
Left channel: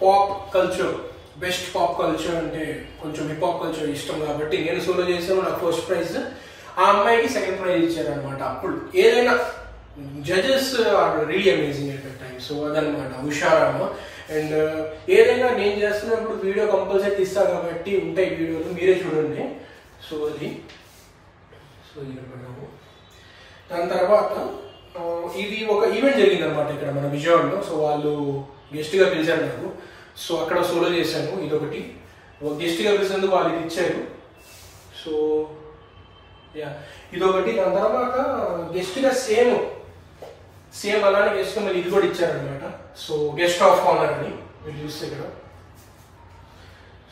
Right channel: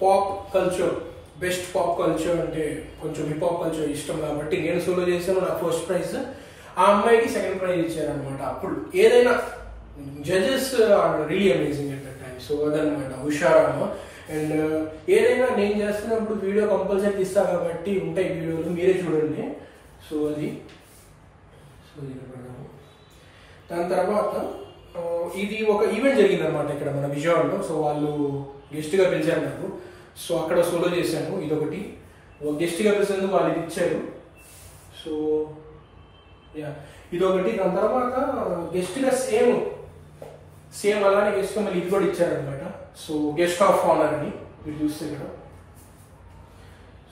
pop culture, best pop culture అంటే కొంచెం హిప్ హాప్ కల్చర్ ఇష్టం కాబట్టి నేను సోలో చేశాను. నాకు ఫస్ట్ ప్రైజ్, ఆ అమ్మాయికి సెకండ్ ప్రైజ్ ఇచ్చారనమాట. అప్పుడు ఏదైనా judges are really amazing at that time. So అదనమాట హుషారమ్మ. అండ్ ఏదైనా నేను చేస్తున్నప్పుడు వీడియో కంపల్సరీ తీస్తాను కాబట్టి ఉంటాయి వీడియోలు, మీరే చూడండి. సో అది పెడదాము. దాని తర్వాత ఇది ఒక ఈవెంట్ జరిగింది అనమాట ఇక్కడ మన విజయవాడలో. సో వాళ్ళు గెస్ట్గా పిలిచారు నాకు. సో అక్కడ సోలో చేశాను. ఇదొకటి గెస్ట్గా పిలిచేందుకు వాళ్ళు ఇది ఇచ్చారు. సో యా ఇదొకటి. దాని తర్వాత గెస్ట్గా సేమ్ అలానే గెస్ట్గా మళ్ళీ ఇది కూడా ఇచ్చారనమాట. సో గెస్ట్ ఆఫ్ ఆనర్ అని మీరు చూస్తే ఇక్కడ.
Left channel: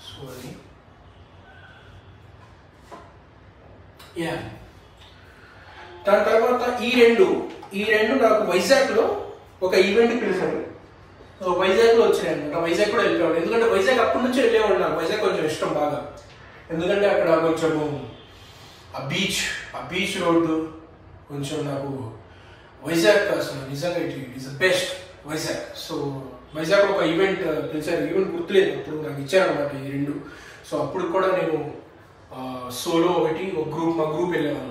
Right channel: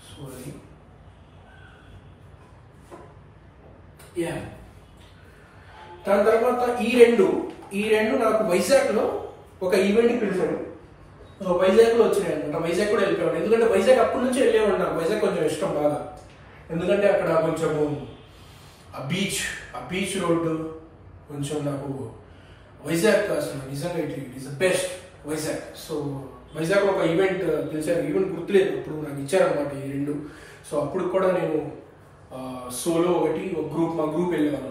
సో అది యా. దాని తర్వాత ఈ రెండు నాకు వైజాగ్లో ఒక ఈవెంట్కి పిలిచాడు. వైజాగ్లో వచ్చినాయి అనమాట. వైజాగ్ కూడా వెళ్ళిపోయాడు. ఎందుకంటే వైజాగ్ అప్పటి నుంచి వెళ్ళేవాడు. నాకు వైజాగ్ కొంచెం ఇష్టం బాగా. ఎందుకంటే అక్కడ కొంచెము ఆ బీచ్ రోడ్డు కొంచెం నాకు వైజాగ్ అసలు నిజంగా it is the best Vizag. So వైజాగ్లో ఒక ఈవెంట్ పిలిచారు. ఈవెంట్ గుర్తులేదు, అప్పుడు నాకు ఇచ్చారనమాట ఈ రెండు. సో అప్పుడు కూడా నేను సోలో ఒకటి, ఒక గ్రూప్, మా గ్రూప్ వెళ్ళేవాళ్ళం.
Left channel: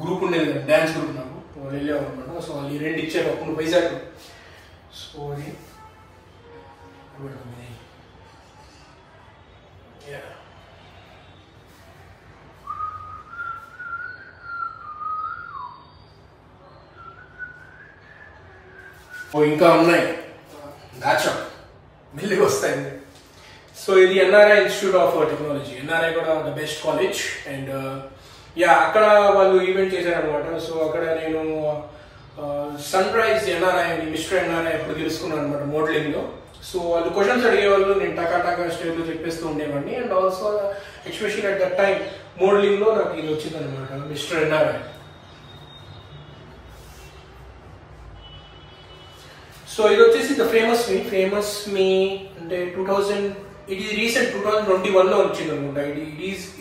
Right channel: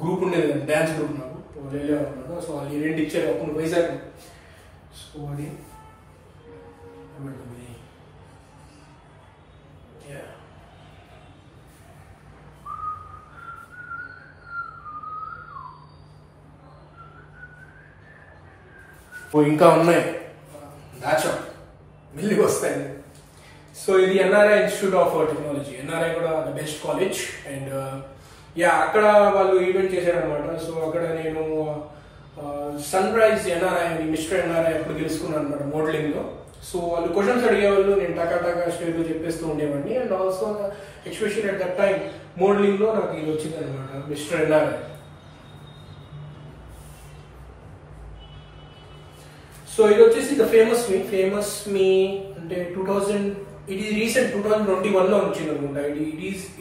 గ్రూప్ ఉండేది కదా, డ్యాన్స్ గ్రూప్, నాకు వాళ్ళు వెళ్ళేవాళ్ళు అనమాట. సో వాళ్ళు ఈ రెండు ఇచ్చారు అప్పుడు వైజాగ్. సో అది ఇంకా ఉన్నాయి, దాచా మెల్లిగా వస్తాయి. సో ఇది NRI institute of technology. NRI కూడా the best college. And yeah అక్కడ వాళ్ళు ఈవెంట్ చేశారనమాట. సో అక్కడ నేను సన్ రైజ్ ఎన్ఆర్ఐ అని మిస్టర్ ఎన్ఆర్ఐ అప్పుడు తెలుసుకున్నాను అనమాట మోడలింగ్లో. సో వాళ్ళు క్వశ్చన్స్ అడిగేవాళ్ళు, నేను టకా స్టేజ్లో చెప్పేస్తూ ఉండేవాడిని. And also especially at that time మోడలింగ్లో నాకు ఇది వచ్చింది అనమాట, మిస్టర్ ఎన్ఆర్ఐ. సో ఇది వచ్చేసి ద ఫేమస్ మీ అంటే 2000, ఇది రీసెంట్ 2021లో వచ్చింది అనుకుంటా.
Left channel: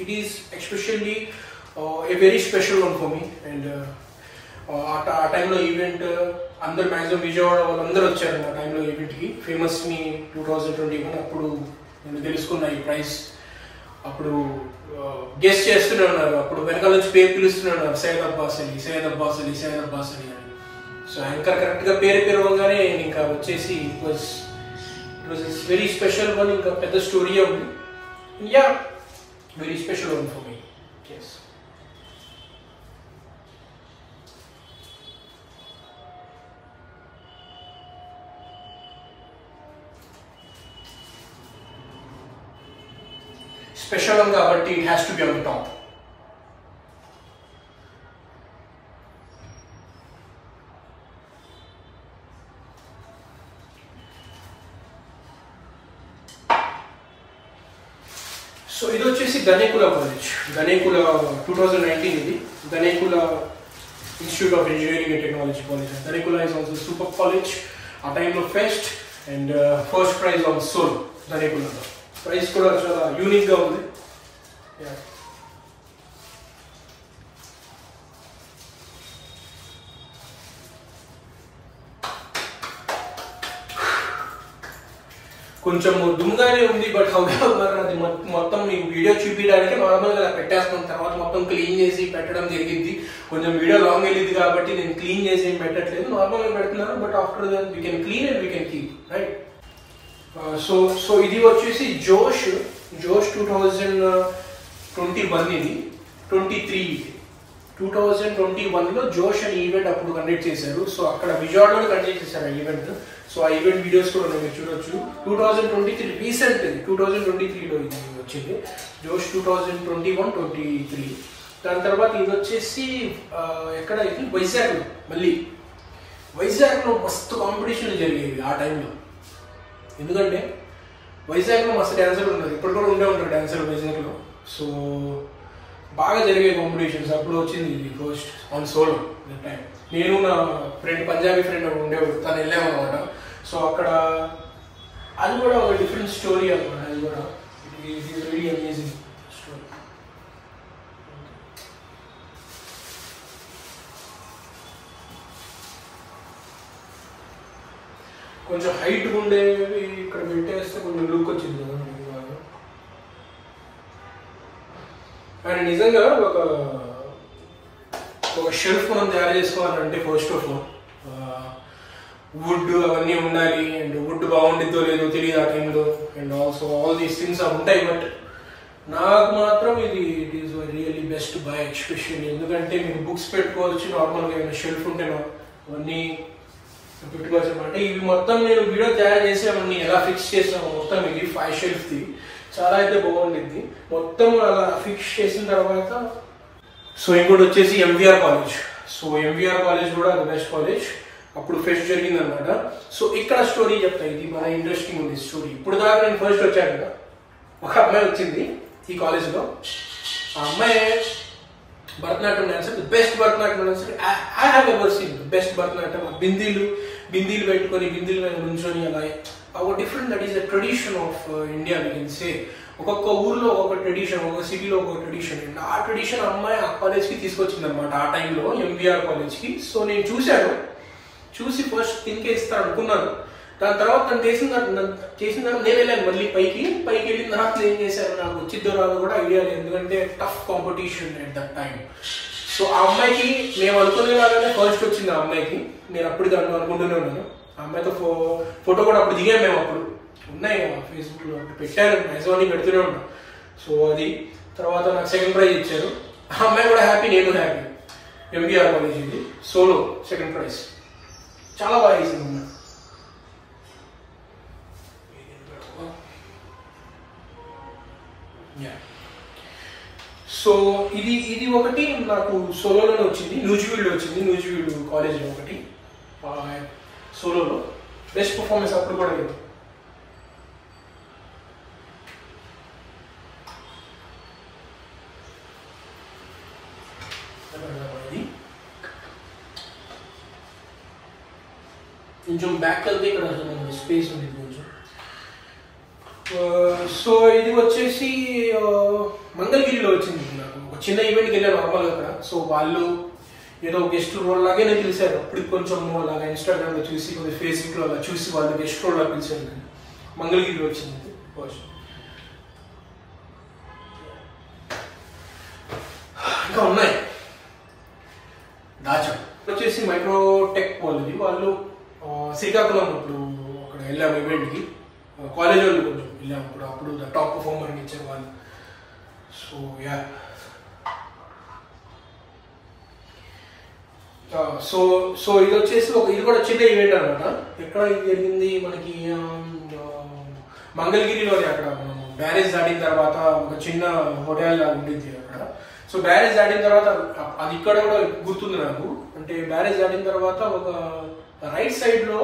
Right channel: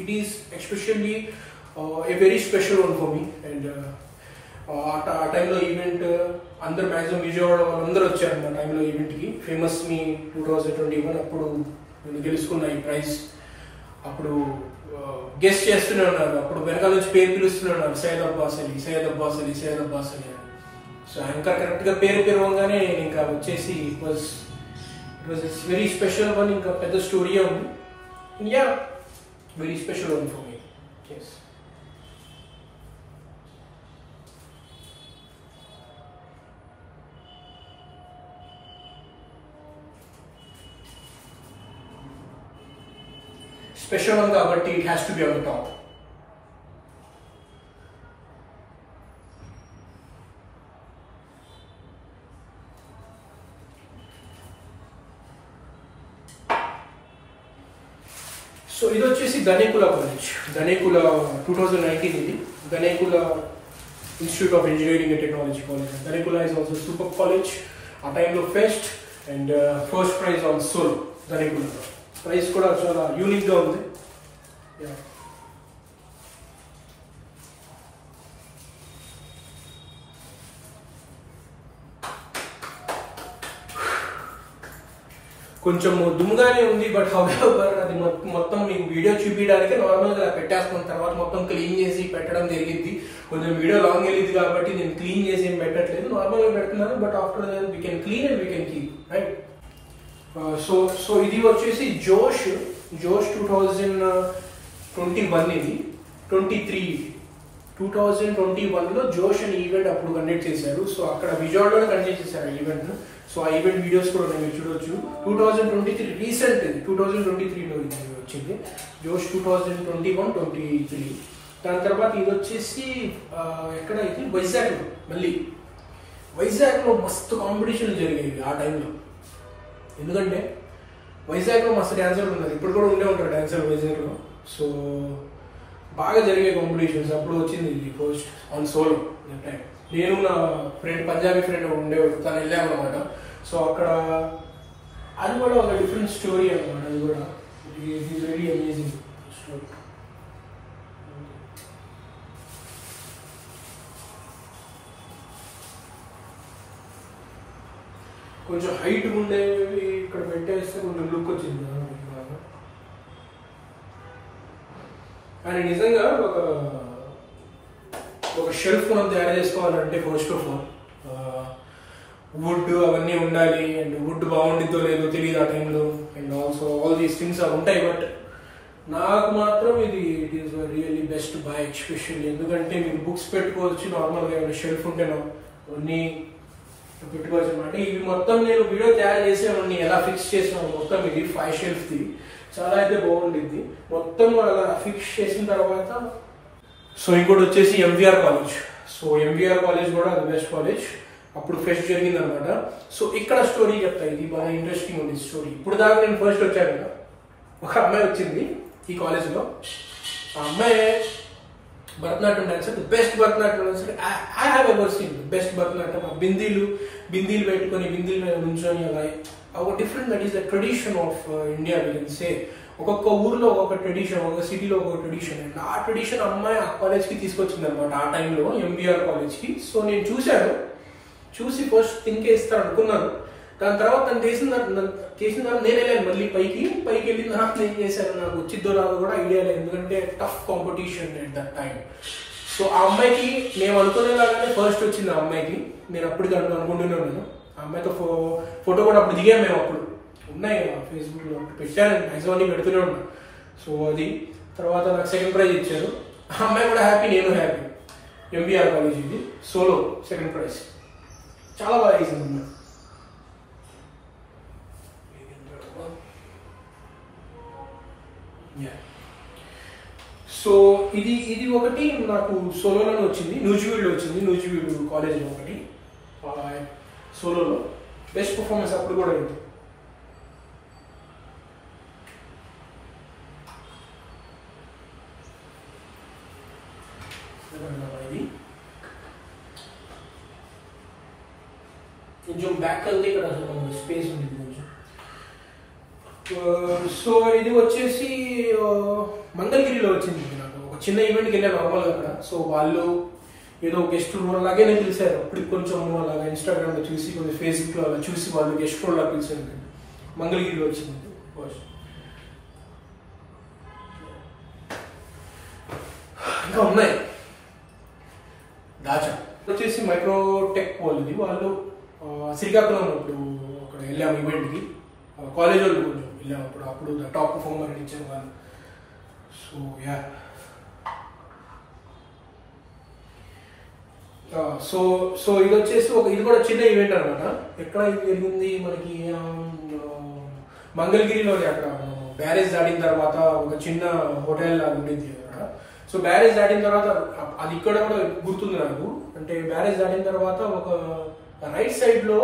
It is especially a very special one for me. And ఆ టైంలో ఈవెంట్ అందరు మ్యాక్సిమం విజయవాడ వాళ్ళందరూ వచ్చారు ఆ టైంలో ఈవెంట్కి. ఫేమస్ మీ 2021 అప్పుడు నేను గెలుచుకున్న ఈ ప్రైజ్. అప్పుడు గెస్ట్ చేస్తూనే ఉన్నారు, అప్పుడు వెనకాల నుంచి పేరు పిలుస్తూనే ఉన్నారు, సయ్యద్ అబ్బాస్ అని. సో యాంకర్ కరెక్ట్గా పేరు పిలవగానే నేను ఇంకా వచ్చేసి it was very special one. ఇంకా పెద్ద స్టోరీ ఉంది. Yeah very special one for me. Yes. Special one కాబట్టి it has to be on the top. So ఇది వచ్చేసి గణేకుల కాలేజ్, గణేకుల 2019 ఇది Ganekula institute of engineering and technology college. Ganekula is also super college. ఆ టైంలో fest and first prize on solo. గణేకులలో prize కూడా చాలా యూనిక్గా ఉంది. కొంచెం దుమ్ముగానే ఉంది, బట్ హౌఎవర్ అది మొత్తం మీకు వీడియో చూపించడానికి నార్మల్గా అలా పెట్టేస్తాను. తర్వాత మొత్తం క్లీన్ చేసి పెట్టడం జరిగింది. కొంచెం వీడియో లాంగ్ వెళ్ళింది కాబట్టి నేను క్లీన్ చేసి ఏం పెట్టట్లేదు, నార్మల్గా పెడుతున్నాను. But after that we can clean and we can keep right. So ఇది వచ్చేసి జోష్ 2021 ఇది 2021లో జోష్ అని ఈవెంట్ అప్పుడు కండక్ట్ చేశారు. సో అక్కడ విజయవాడలో కండక్ట్ చేశారు ఆ ఈవెంట్. సో ఆ ఈవెంట్ వీడియోస్ కూడా మీరు చూడొచ్చు. 2023 రీసెంట్, 2023లో ఇది వచ్చింది జోష్ 2021-23. దాని తర్వాత ఇది వచ్చేసి ఎక్కడ ఇది వైజాగ్లో. మళ్ళీ వైజాగ్లో మస్తు కాంపిటీషన్లు జరిగేవి ఆ టైంలో. ఎందుకంటే వైజాగ్లో మస్తు డ్యాన్సర్లు ఉన్నారు, ఇప్పుడు కూడా ఉండే ఉంటారు డ్యాన్సర్లు వైజాగ్లో. సో బాగా జరిగే కాంపిటీషన్స్. అప్పుడు వచ్చింది ఇది ఫస్ట్ ఆన్ సోలో టైం. నేను నా ఫ్రెండ్ పంజాబీ ఫ్రెండ్ ఉండేవాడు, తను వెళ్ళాము అనమాట. సో అక్కడ అది కూడా ఒక డిఫరెంట్ స్టోరీ అనమాట. అది కూడా it is very amazing story. కొంచెం హైట్ ఉండేవి ఇక్కడ పెట్టేస్తే కొంచెం లుక్ వచ్చింది కదా. అండ్ నిజంగా ఒక షెల్ఫ్ మనం తయారు చేసుకోవాలంటే ఫస్ట్ ఆఫ్ ఆల్ వుడ్ అవన్నీ ఉండాలి. అండ్ వుడ్ బాగుండిద్దో లేదో తెలియదు ఆ టైంలో. And also all these things అవి ఉంటాయి. బట్ నాకు మాత్రం ఇది it is really best by especially. ఎందుకంటే మీరు బుక్స్ పెట్టుకోవచ్చు, నార్మల్గా ఏమైనా షెల్ఫ్ ఉంటే అవన్నీ పెట్టుకోవచ్చు అనమాట. ఇవి మొత్తం నేను వీడియో తయారు చేసేవన్నీ ఎలా ఫిక్స్ చేసాము మొత్తం ఇది 5 షెల్ఫ్ది చాలా అయితే బాగుండిద్ది. మొత్తం అలా ఫిక్స్ చేసిన తర్వాత సో ఇంకోటి వచ్చేసి MVR college. So MVR college కూడా అది బెస్ట్ కాలేజ్. అప్పుడు ఫెస్ట్ జరిగింది అనమాట. సో ఇక్కడ స్టోరీ చెప్తా, ఇది బాగా ఇంట్రెస్టింగ్ ఉంది స్టోరీ. ఇప్పుడు దాకా నేను ఫస్ట్ వచ్చాను కదా, ఒక అమ్మాయి వచ్చింది ఈ కాలేజ్లో. ఆ అమ్మాయి Bharatanatyam dancer, best Bharatanatyam dancer I have ever seen. Best Bharatanatyam. బిందీలు పెట్టుకొని బిందీలు మీద నుంచొని అలా ఒక different, that is the tradition of India we can say. ఒక్కొక్క ఊర్లో ఒక్కొక్క ట్రెడిషన్, ఒక్కొక్క సిటీలో ఒక్కొక్క ట్రెడిషన్. అండ్ ఆ ట్రెడిషన్ అమ్మాయి ఆ కాలేజ్కి తీసుకొచ్చింది అనమాట ఆ టైంలో, ఎంబీఆర్ కాలేజ్కి. సో నేను చూసి ఫస్ట్ థింకే ఇస్తాను అనుకున్నాను. దాని తర్వాత తను చేసిన తర్వాత నేను వెళ్ళాను మళ్ళీ పైకి వెళ్ళిన తర్వాత నేను చేశాను. నాకు వచ్చిద్దో రాదో కూడా ఐడియా లేదు, ఎందుకంటే tough competition at that time. So ఆ అమ్మాయికి మేము అనుకునేలాగానే ఫస్ట్ వచ్చింది. ఆ అమ్మాయికి నేను అప్పటికి అనుకుంటూనే ఉన్నాను. ఆ అమ్మాయితో ఫోటో కూడా అప్పుడు దిగాము మేము. అప్పుడు ఉన్నాయి ఫేస్బుక్లో పెట్టాను, మ్యాక్సిమం పెడుతూనే ఉన్నాను. సో అది తర్వాత నాకు సెకండ్ ప్రైజ్ ఇచ్చారు. ఆ అమ్మాయి కూడా హ్యాపీ, నేను హ్యాపీ. ఎంబీఆర్ కాలేజ్ ఇది సోలో సెకండ్ ప్రైజ్. చాలా బాగా వేసింది అమ్మాయి. సో ఇది ఒకటి నాకు సోలోలోనే వచ్చింది. నూజివీడులో వచ్చింది, నూజివీడు కాలేజ్లో ఒకటి సోలోలో బెస్ట్ పర్ఫార్మెన్స్ అప్పుడు కూడా ఉంది. కొంచెం బ్యాక్ వెళ్తే ఇక్కడ స్పేస్ ఉంది కొంచెం. సో ఇది వచ్చేసి మంగళగిరిలో వచ్చింది నాకు. ఒక చిన్న ఈవెంట్కి వెళ్ళాను నార్మల్గా అక్కడ. సో వాళ్ళు ఏదో గెస్ట్ రోల్ లాగే నేను పిలిచారు. అప్పుడు కొంచెం అలాగా ఇన్స్టాగ్రామ్లో చూసి, కొంచెం ఫేస్బుక్లో అలా చూసి వాళ్ళు గెస్ట్ రోల్ లాగా పిలిచారు. నేను మంగళగిరిలో వచ్చింది ఫస్ట్. ఇంకా ఉన్నాయి దాచా వచ్చేసి మైక్రోటెక్ వాళ్ళది. వాళ్ళు శ్రీకాకుళం ఇప్పుడు అక్కడ వెళ్ళాము ఈవెంట్కి. కాలేజ్ వాళ్ళు కొంచెం వెళ్ళాము అప్పుడు టాప్ పర్ఫార్మర్ ఇచ్చారు వాళ్ళు. సో యా సో ఇది వచ్చేసి ఇది కూడా చిన్న ఈవెంట్ అనమాట. ఎక్కడ జరిగింది మనకి మంగళగిరిలోనే. అక్కడ మనం బ్యారేజ్ దాటిన తర్వాత ఒక చిన్న హోటల్ ఉంటుంది అక్కడ. సో బ్యారేజ్ దాటిన తర్వాత అది ఇక్కడ కూడా గుర్తుంది నాకు. అంటే బ్యారేజ్ దాటిన తర్వాత ఒక రైట్ సైడ్ లో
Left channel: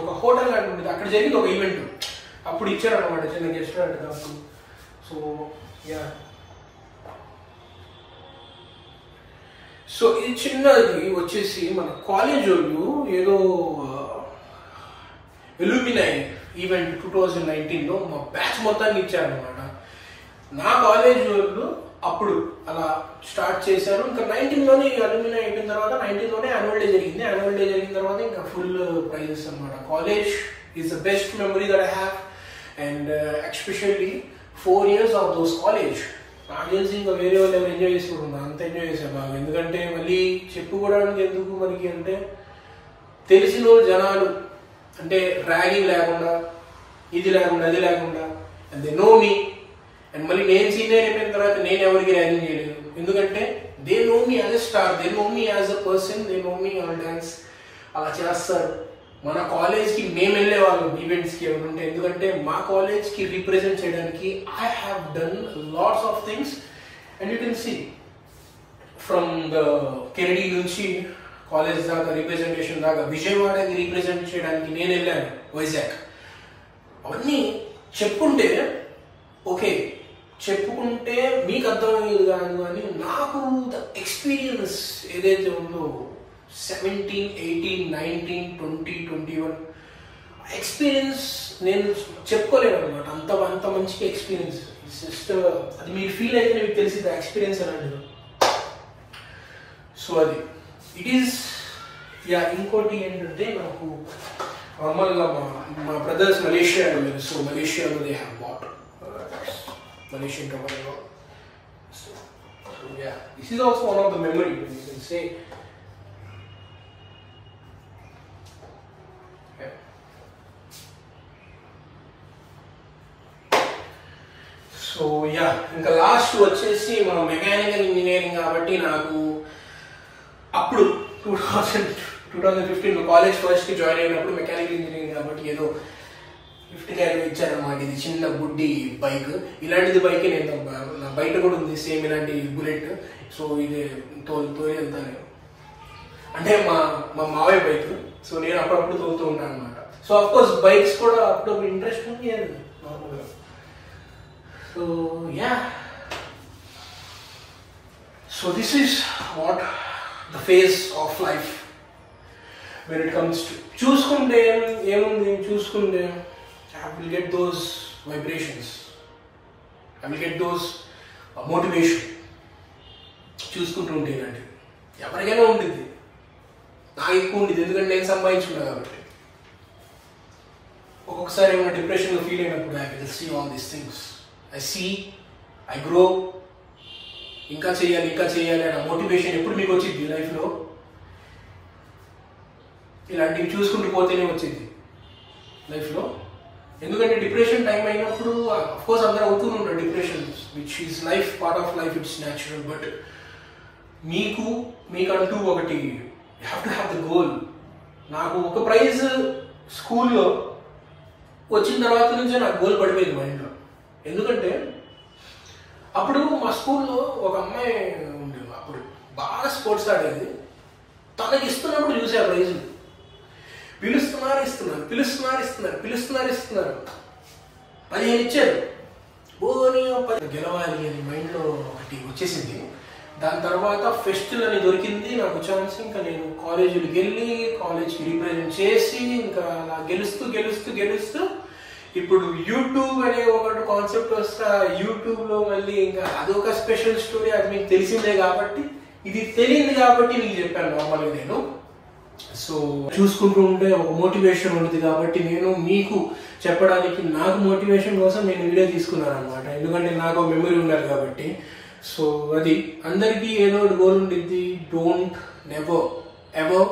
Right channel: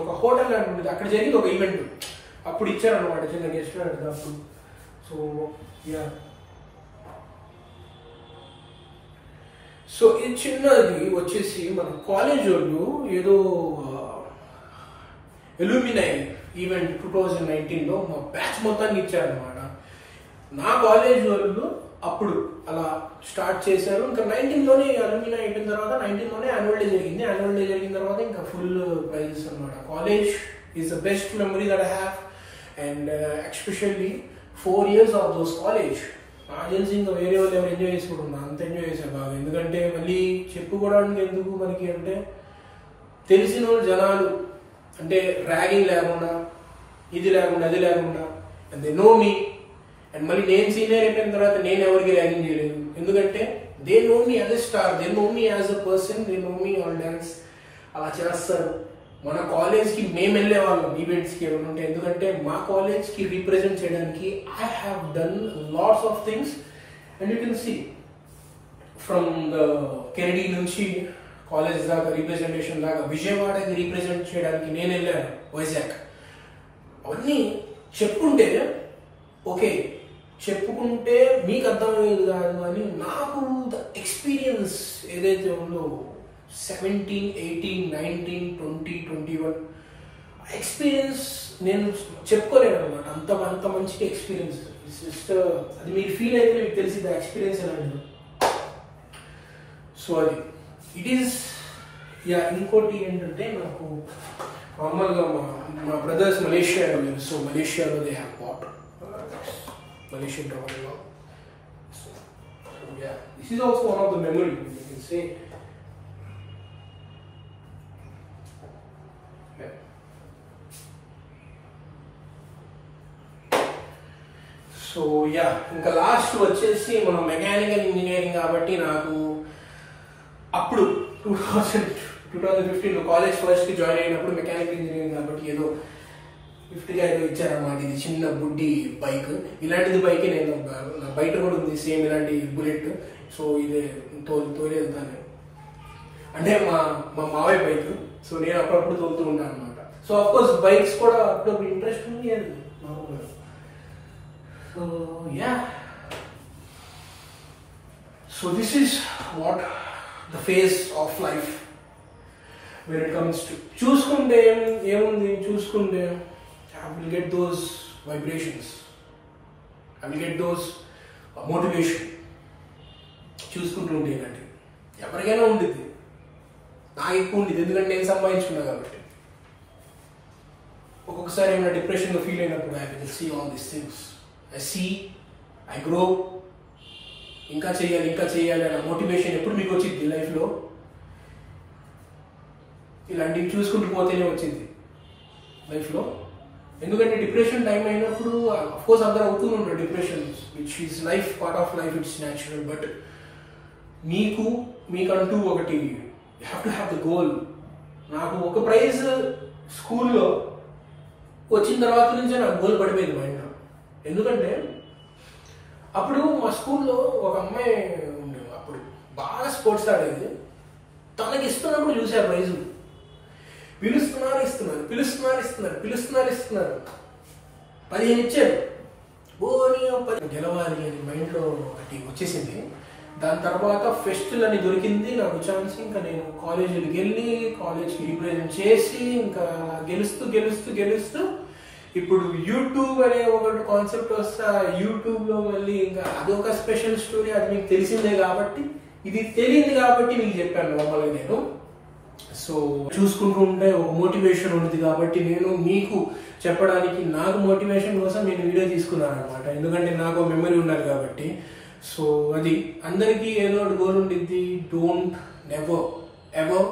ఒక హోటల్ లాంటి ఉంటుంది. అక్కడ జరిగింది ఒక ఈవెంట్. అప్పుడు ఇచ్చారు అనమాట చిన్న రెస్టారెంట్ అప్పుడు. సో యా సో ఇది చిన్నది వచ్చేసి మన కాలేజ్ వాళ్ళు ఏదో ఎల్యూమినై ఈవెంట్ 2019లో మా బ్యాచ్ మొత్తాన్ని ఇచ్చారనమాట. నా కాలేజ్ వాళ్ళు అప్పుడు అలా స్టార్ట్ చేశారు. ఇంకా 19లోనే అల్యూమినై అయిపోయిన తర్వాత 19లోనే యాన్యువల్ డే జరిగింది. యాన్యువల్ డే జరిగిన తర్వాత ఇంకా ఫుల్ ప్రైజెస్ అనమాట. College is the best memory that I have. And especially 4 years of those college. నాకు తెలిసి ఇంకా వేరే వాళ్ళు ఏమైనా ఎంజాయ్ చేసుకుంటున్నా, అంత ఎంజాయ్ చేశాను బాగా. ఎందుకంటే మళ్ళీ చెప్పుకోవడానికి ఎందుకు మనకి అంటే తెలిసిన వాళ్ళు జనాలు, అంటే ర్యాగింగ్ లేకుండా, ఇది లేకుండా, అది లేకుండా, and they know me. And మళ్ళీ నేను సీనియర్ అయిపోయిన తర్వాత నేను ఎవరికి ర్యాగింగ్ చేయలేదు. ఎందుకంటే they know me as a star, they know me as a person, they know me on dance. అలా చేస్తారు. మన కాలేజ్కి మేము వెళ్ళే వాళ్ళం ఈవెంట్స్కి ఏమంటే, ఎందుకంటే మా కాలేజ్కి రిప్రజెంట్ చేయడానికి I have done lots of things. And you can see from the Kennedy నుంచి కాలేజ్ దాకా రిప్రజెంటేషన్ దాకా విజయవాడకి రిప్రజెంట్ చేయడానికి నేను వెళ్ళాను, వైజాగ్. అవన్నీ చెప్పుకుంటే ఓకే, చెప్పుకుంటే మీకు అర్థమయ్యేది కాదు, కానీ నాకు ద ఎక్స్పీరియన్స్ ఏదైతే ఉందో 17, 18, 19, 20, 21 ఎక్స్పీరియన్స్ నేను చెప్పుకోలేను అనమాట. అంత మంచిగా ఎక్స్పీరియన్స్. జస్ట్ అది మీరు ఫీల్ అయితే మీకు తెలిసింది ఎక్స్పీరియన్స్ అనేది. సో అది ఇట్ ఈస్ యా. ఇంకోటి ఏంటంటే నాకు నార్మల్గా మా బ్రదర్స్ మలేషియా వెళ్ళారు. సో మలేషియాలో they have bought Malaysian company. So yeah, this is also one of the memory you can say. Yeah. So yeah, ఇంకా లాస్ట్ వచ్చేసి మన మెకానికల్ ఇంజనీరింగ్ కాబట్టి నాకు అప్పుడు 2015 కాలేజ్ ఫస్ట్కి జాయిన్ అయినప్పుడు మెకానికల్ ఇంజనీరింగ్ కాబట్టి ఏదో 50,000 ఇచ్చారన్నమాట. ఇది చిన్న బుడ్డి బైక్. ఇలాంటిది బైక్ నేను నా బయట కూడా ఉంది సేమ్ ఇలాంటి బుల్లెట్. సో ఇది తోలి వెళ్తాను. అంటే మా మావయ్య బైక్. సో నేను అప్పుడప్పుడు తోలుతూ ఉంటాను అనమాట. సో అఫ్కోర్స్ బైక్స్ కూడా అప్పుడప్పుడు ఇంట్రెస్ట్ ఉంది నార్మల్గా. So yeah, so this is what the phase of life when it comes to చూసుకుంటే ఏముంది, చూసుకుంటే I will get those vibrations, I will get those motivation. చూసుకుంటూ ఉంటే ఇలాంటివి ఎవరికైనా ఉంటుంది, నాకు ఎక్కువ ఉంటుంది ఎందుకంటే నేను సంపాదించుకున్నా కాబట్టి. ఒక్కొక్కసారి ఏమైనా డిప్రెషన్లో ఫీల్ అయినప్పుడు I will see all these things, I grow, ఇంకా చేయాలి అనే మోటివేషన్ ఎప్పుడు మీకు వచ్చింది లైఫ్లో. ఇలాంటివి చూసుకుంటూ పోతేనే వచ్చింది లైఫ్లో. ఎందుకంటే డిప్రెషన్ టైం అయినప్పుడు అఫ్కోర్స్ అందరూ అవుతూనే ఉంటారు depression, which is life, part of life, it's natural. But మీకంటూ ఒకటి you have to have the goal. నాకు ఒక ప్రైజ్ స్కూల్లో వచ్చిన తర్వాత నుంచే నాకు గోల్ పడిపోయింది మైండ్లో. ఎందుకంటే అప్పుడు మా స్కూల్లో ఒక అమ్మాయి ఉండేది, అప్పుడు బాగా స్పోర్ట్స్ ఆడేది. తనకి ఇస్తున్నప్పుడు చూసే ఆ ప్రైజ్ పిలుస్తున్నారు 15 ఇచ్చారు. గెలవాలి అని మైండ్లో ఒకటి వచ్చేసింది. దాని తర్వాత ఫెస్టివల్ అని దొరికింది నాకు ఛాన్స్. ఇంకా నేను కాలేజీకి వెళ్ళి కాలేజ్కి రిప్రజెంట్ చేసి ఇంకా అలా గెలుస్తూ ఇప్పుడు యూట్యూబ్ అనే ఒక కాన్సెప్ట్ వస్తే యూట్యూబ్లో మళ్ళీ ఇంకా అదొక స్పెషల్ స్టోరీ. అది మీకు తెలిసిందే కాబట్టి, ఇది తెలియదు కాబట్టి మీకు చెప్పాను నార్మల్గా నేను. సో చూసుకుంటూ ఉంటే ఒక మోటివేషన్ ఉంటుంది కాబట్టి నేను మీకు చెప్పడానికి, నాకు మోటివేషన్ కోసం నేను వీడియో తీసుకున్నాను అనమాట. ఎందుకంటే నాకు మెమరీ ఉన్నారు కాబట్టి. సో అది అందరికీ ఏదో ఒకటి గోల్ ఉండిద్ది. Don't never ever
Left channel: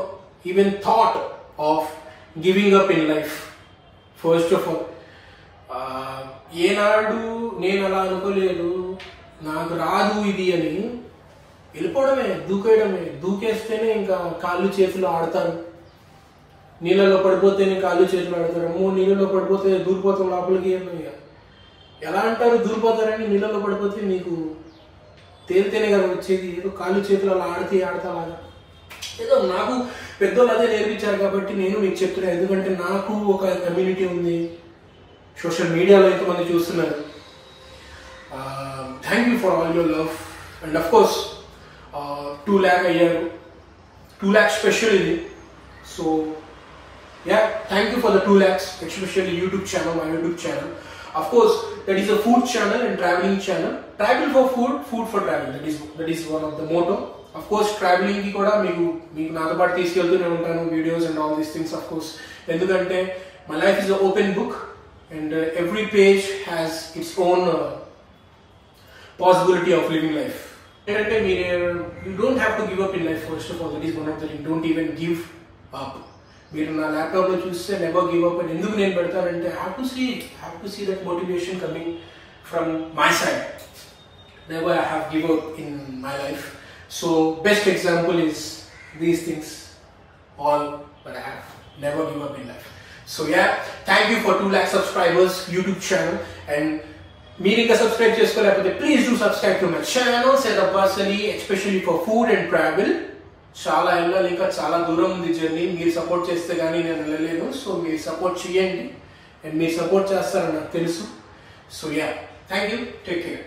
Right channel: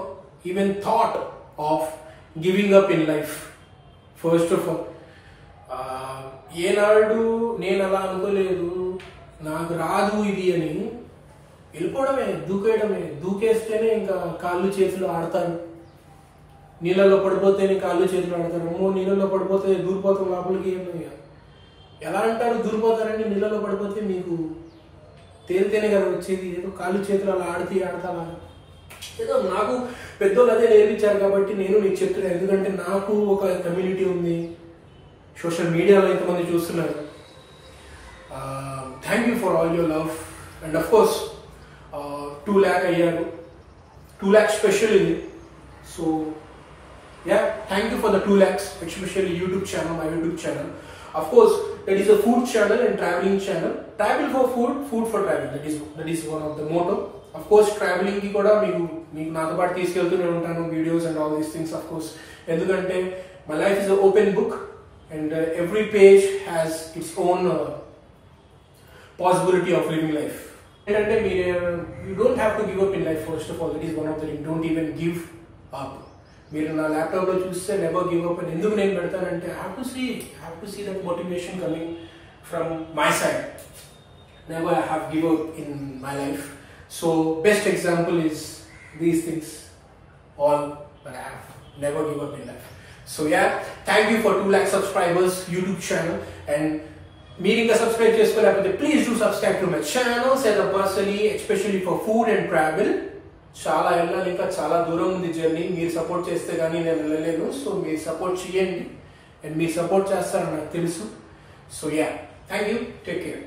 even thought of giving up in life. First of all ఏనాడు నేను అలా అనుకోలేదు, నాకు రాదు ఇది అని వెళ్ళిపోవడమే, దూకేస్తేనే ఇంకా కాళ్ళు చేతులు ఆడతాను. నీళ్ళలో పడిపోతేనే కాళ్ళు చేతులు ఆడతారు. అమ్మో నీళ్ళలో పడిపోతే దూరిపోతాం లోపలికి. ఎలా అంటారు దూరిపోతారని? నీళ్ళలో పడిపోతే మీకు తేలితేనే కదా వచ్చేది. ఏదో కాళ్ళు చేతులు అలా ఆడతాలాగా ఏదో నాకు పెద్దోళ్ళు అదే నేర్పించారు కాబట్టి నేను మీకు చెప్తున్నాను. ఎందుకంటే నాకు ఒక కమ్యూనిటీ ఉంది, సోషల్ మీడియాలో ఎంతమంది చూస్తున్నారు. Thank you for all your love. And of course 2 lakh అయ్యారు, 2 lakh స్పెషల్ ఇది. So yeah, thank you for the 2 lakhs, especially YouTube channel, my YouTube channel. Of course, that is a food channel and traveling channel. Travel for food, food for travel. That is one of the motto. Of course, traveling ki kuda meeku nato paatu teeskeltune untanu videos and all these things. Of course, endukante my life is an open book and every page has its own possibility of living life. Endante you don't have to give up in life. First of all, that is one of the things. Don't even give up. మీరు నా ల్యాప్టాప్లో చూస్తే never give up అని ఎందుకు నేను పెడతానంటే have to see that motivation coming from my side. Never I have give up in my life. So best example is these things all that I have never give up in life. So yeah, thank you for 2 lakh subscribers YouTube channel. And మీరు ఇంకా subscribe చేసుకోలేకపోతే please do subscribe to my channel. Set up personally especially for food and travel. చాలా వెళ్ళలేక చాలా దూరం ఉంది journey. మీరు support చేస్తే కానీ నేను వెళ్ళలేను. సో మీరు సపోర్ట్ చేయండి అండ్ మీరు సపోర్ట్ చేస్తారని నాకు తెలుసు. So yeah, thank you, take care.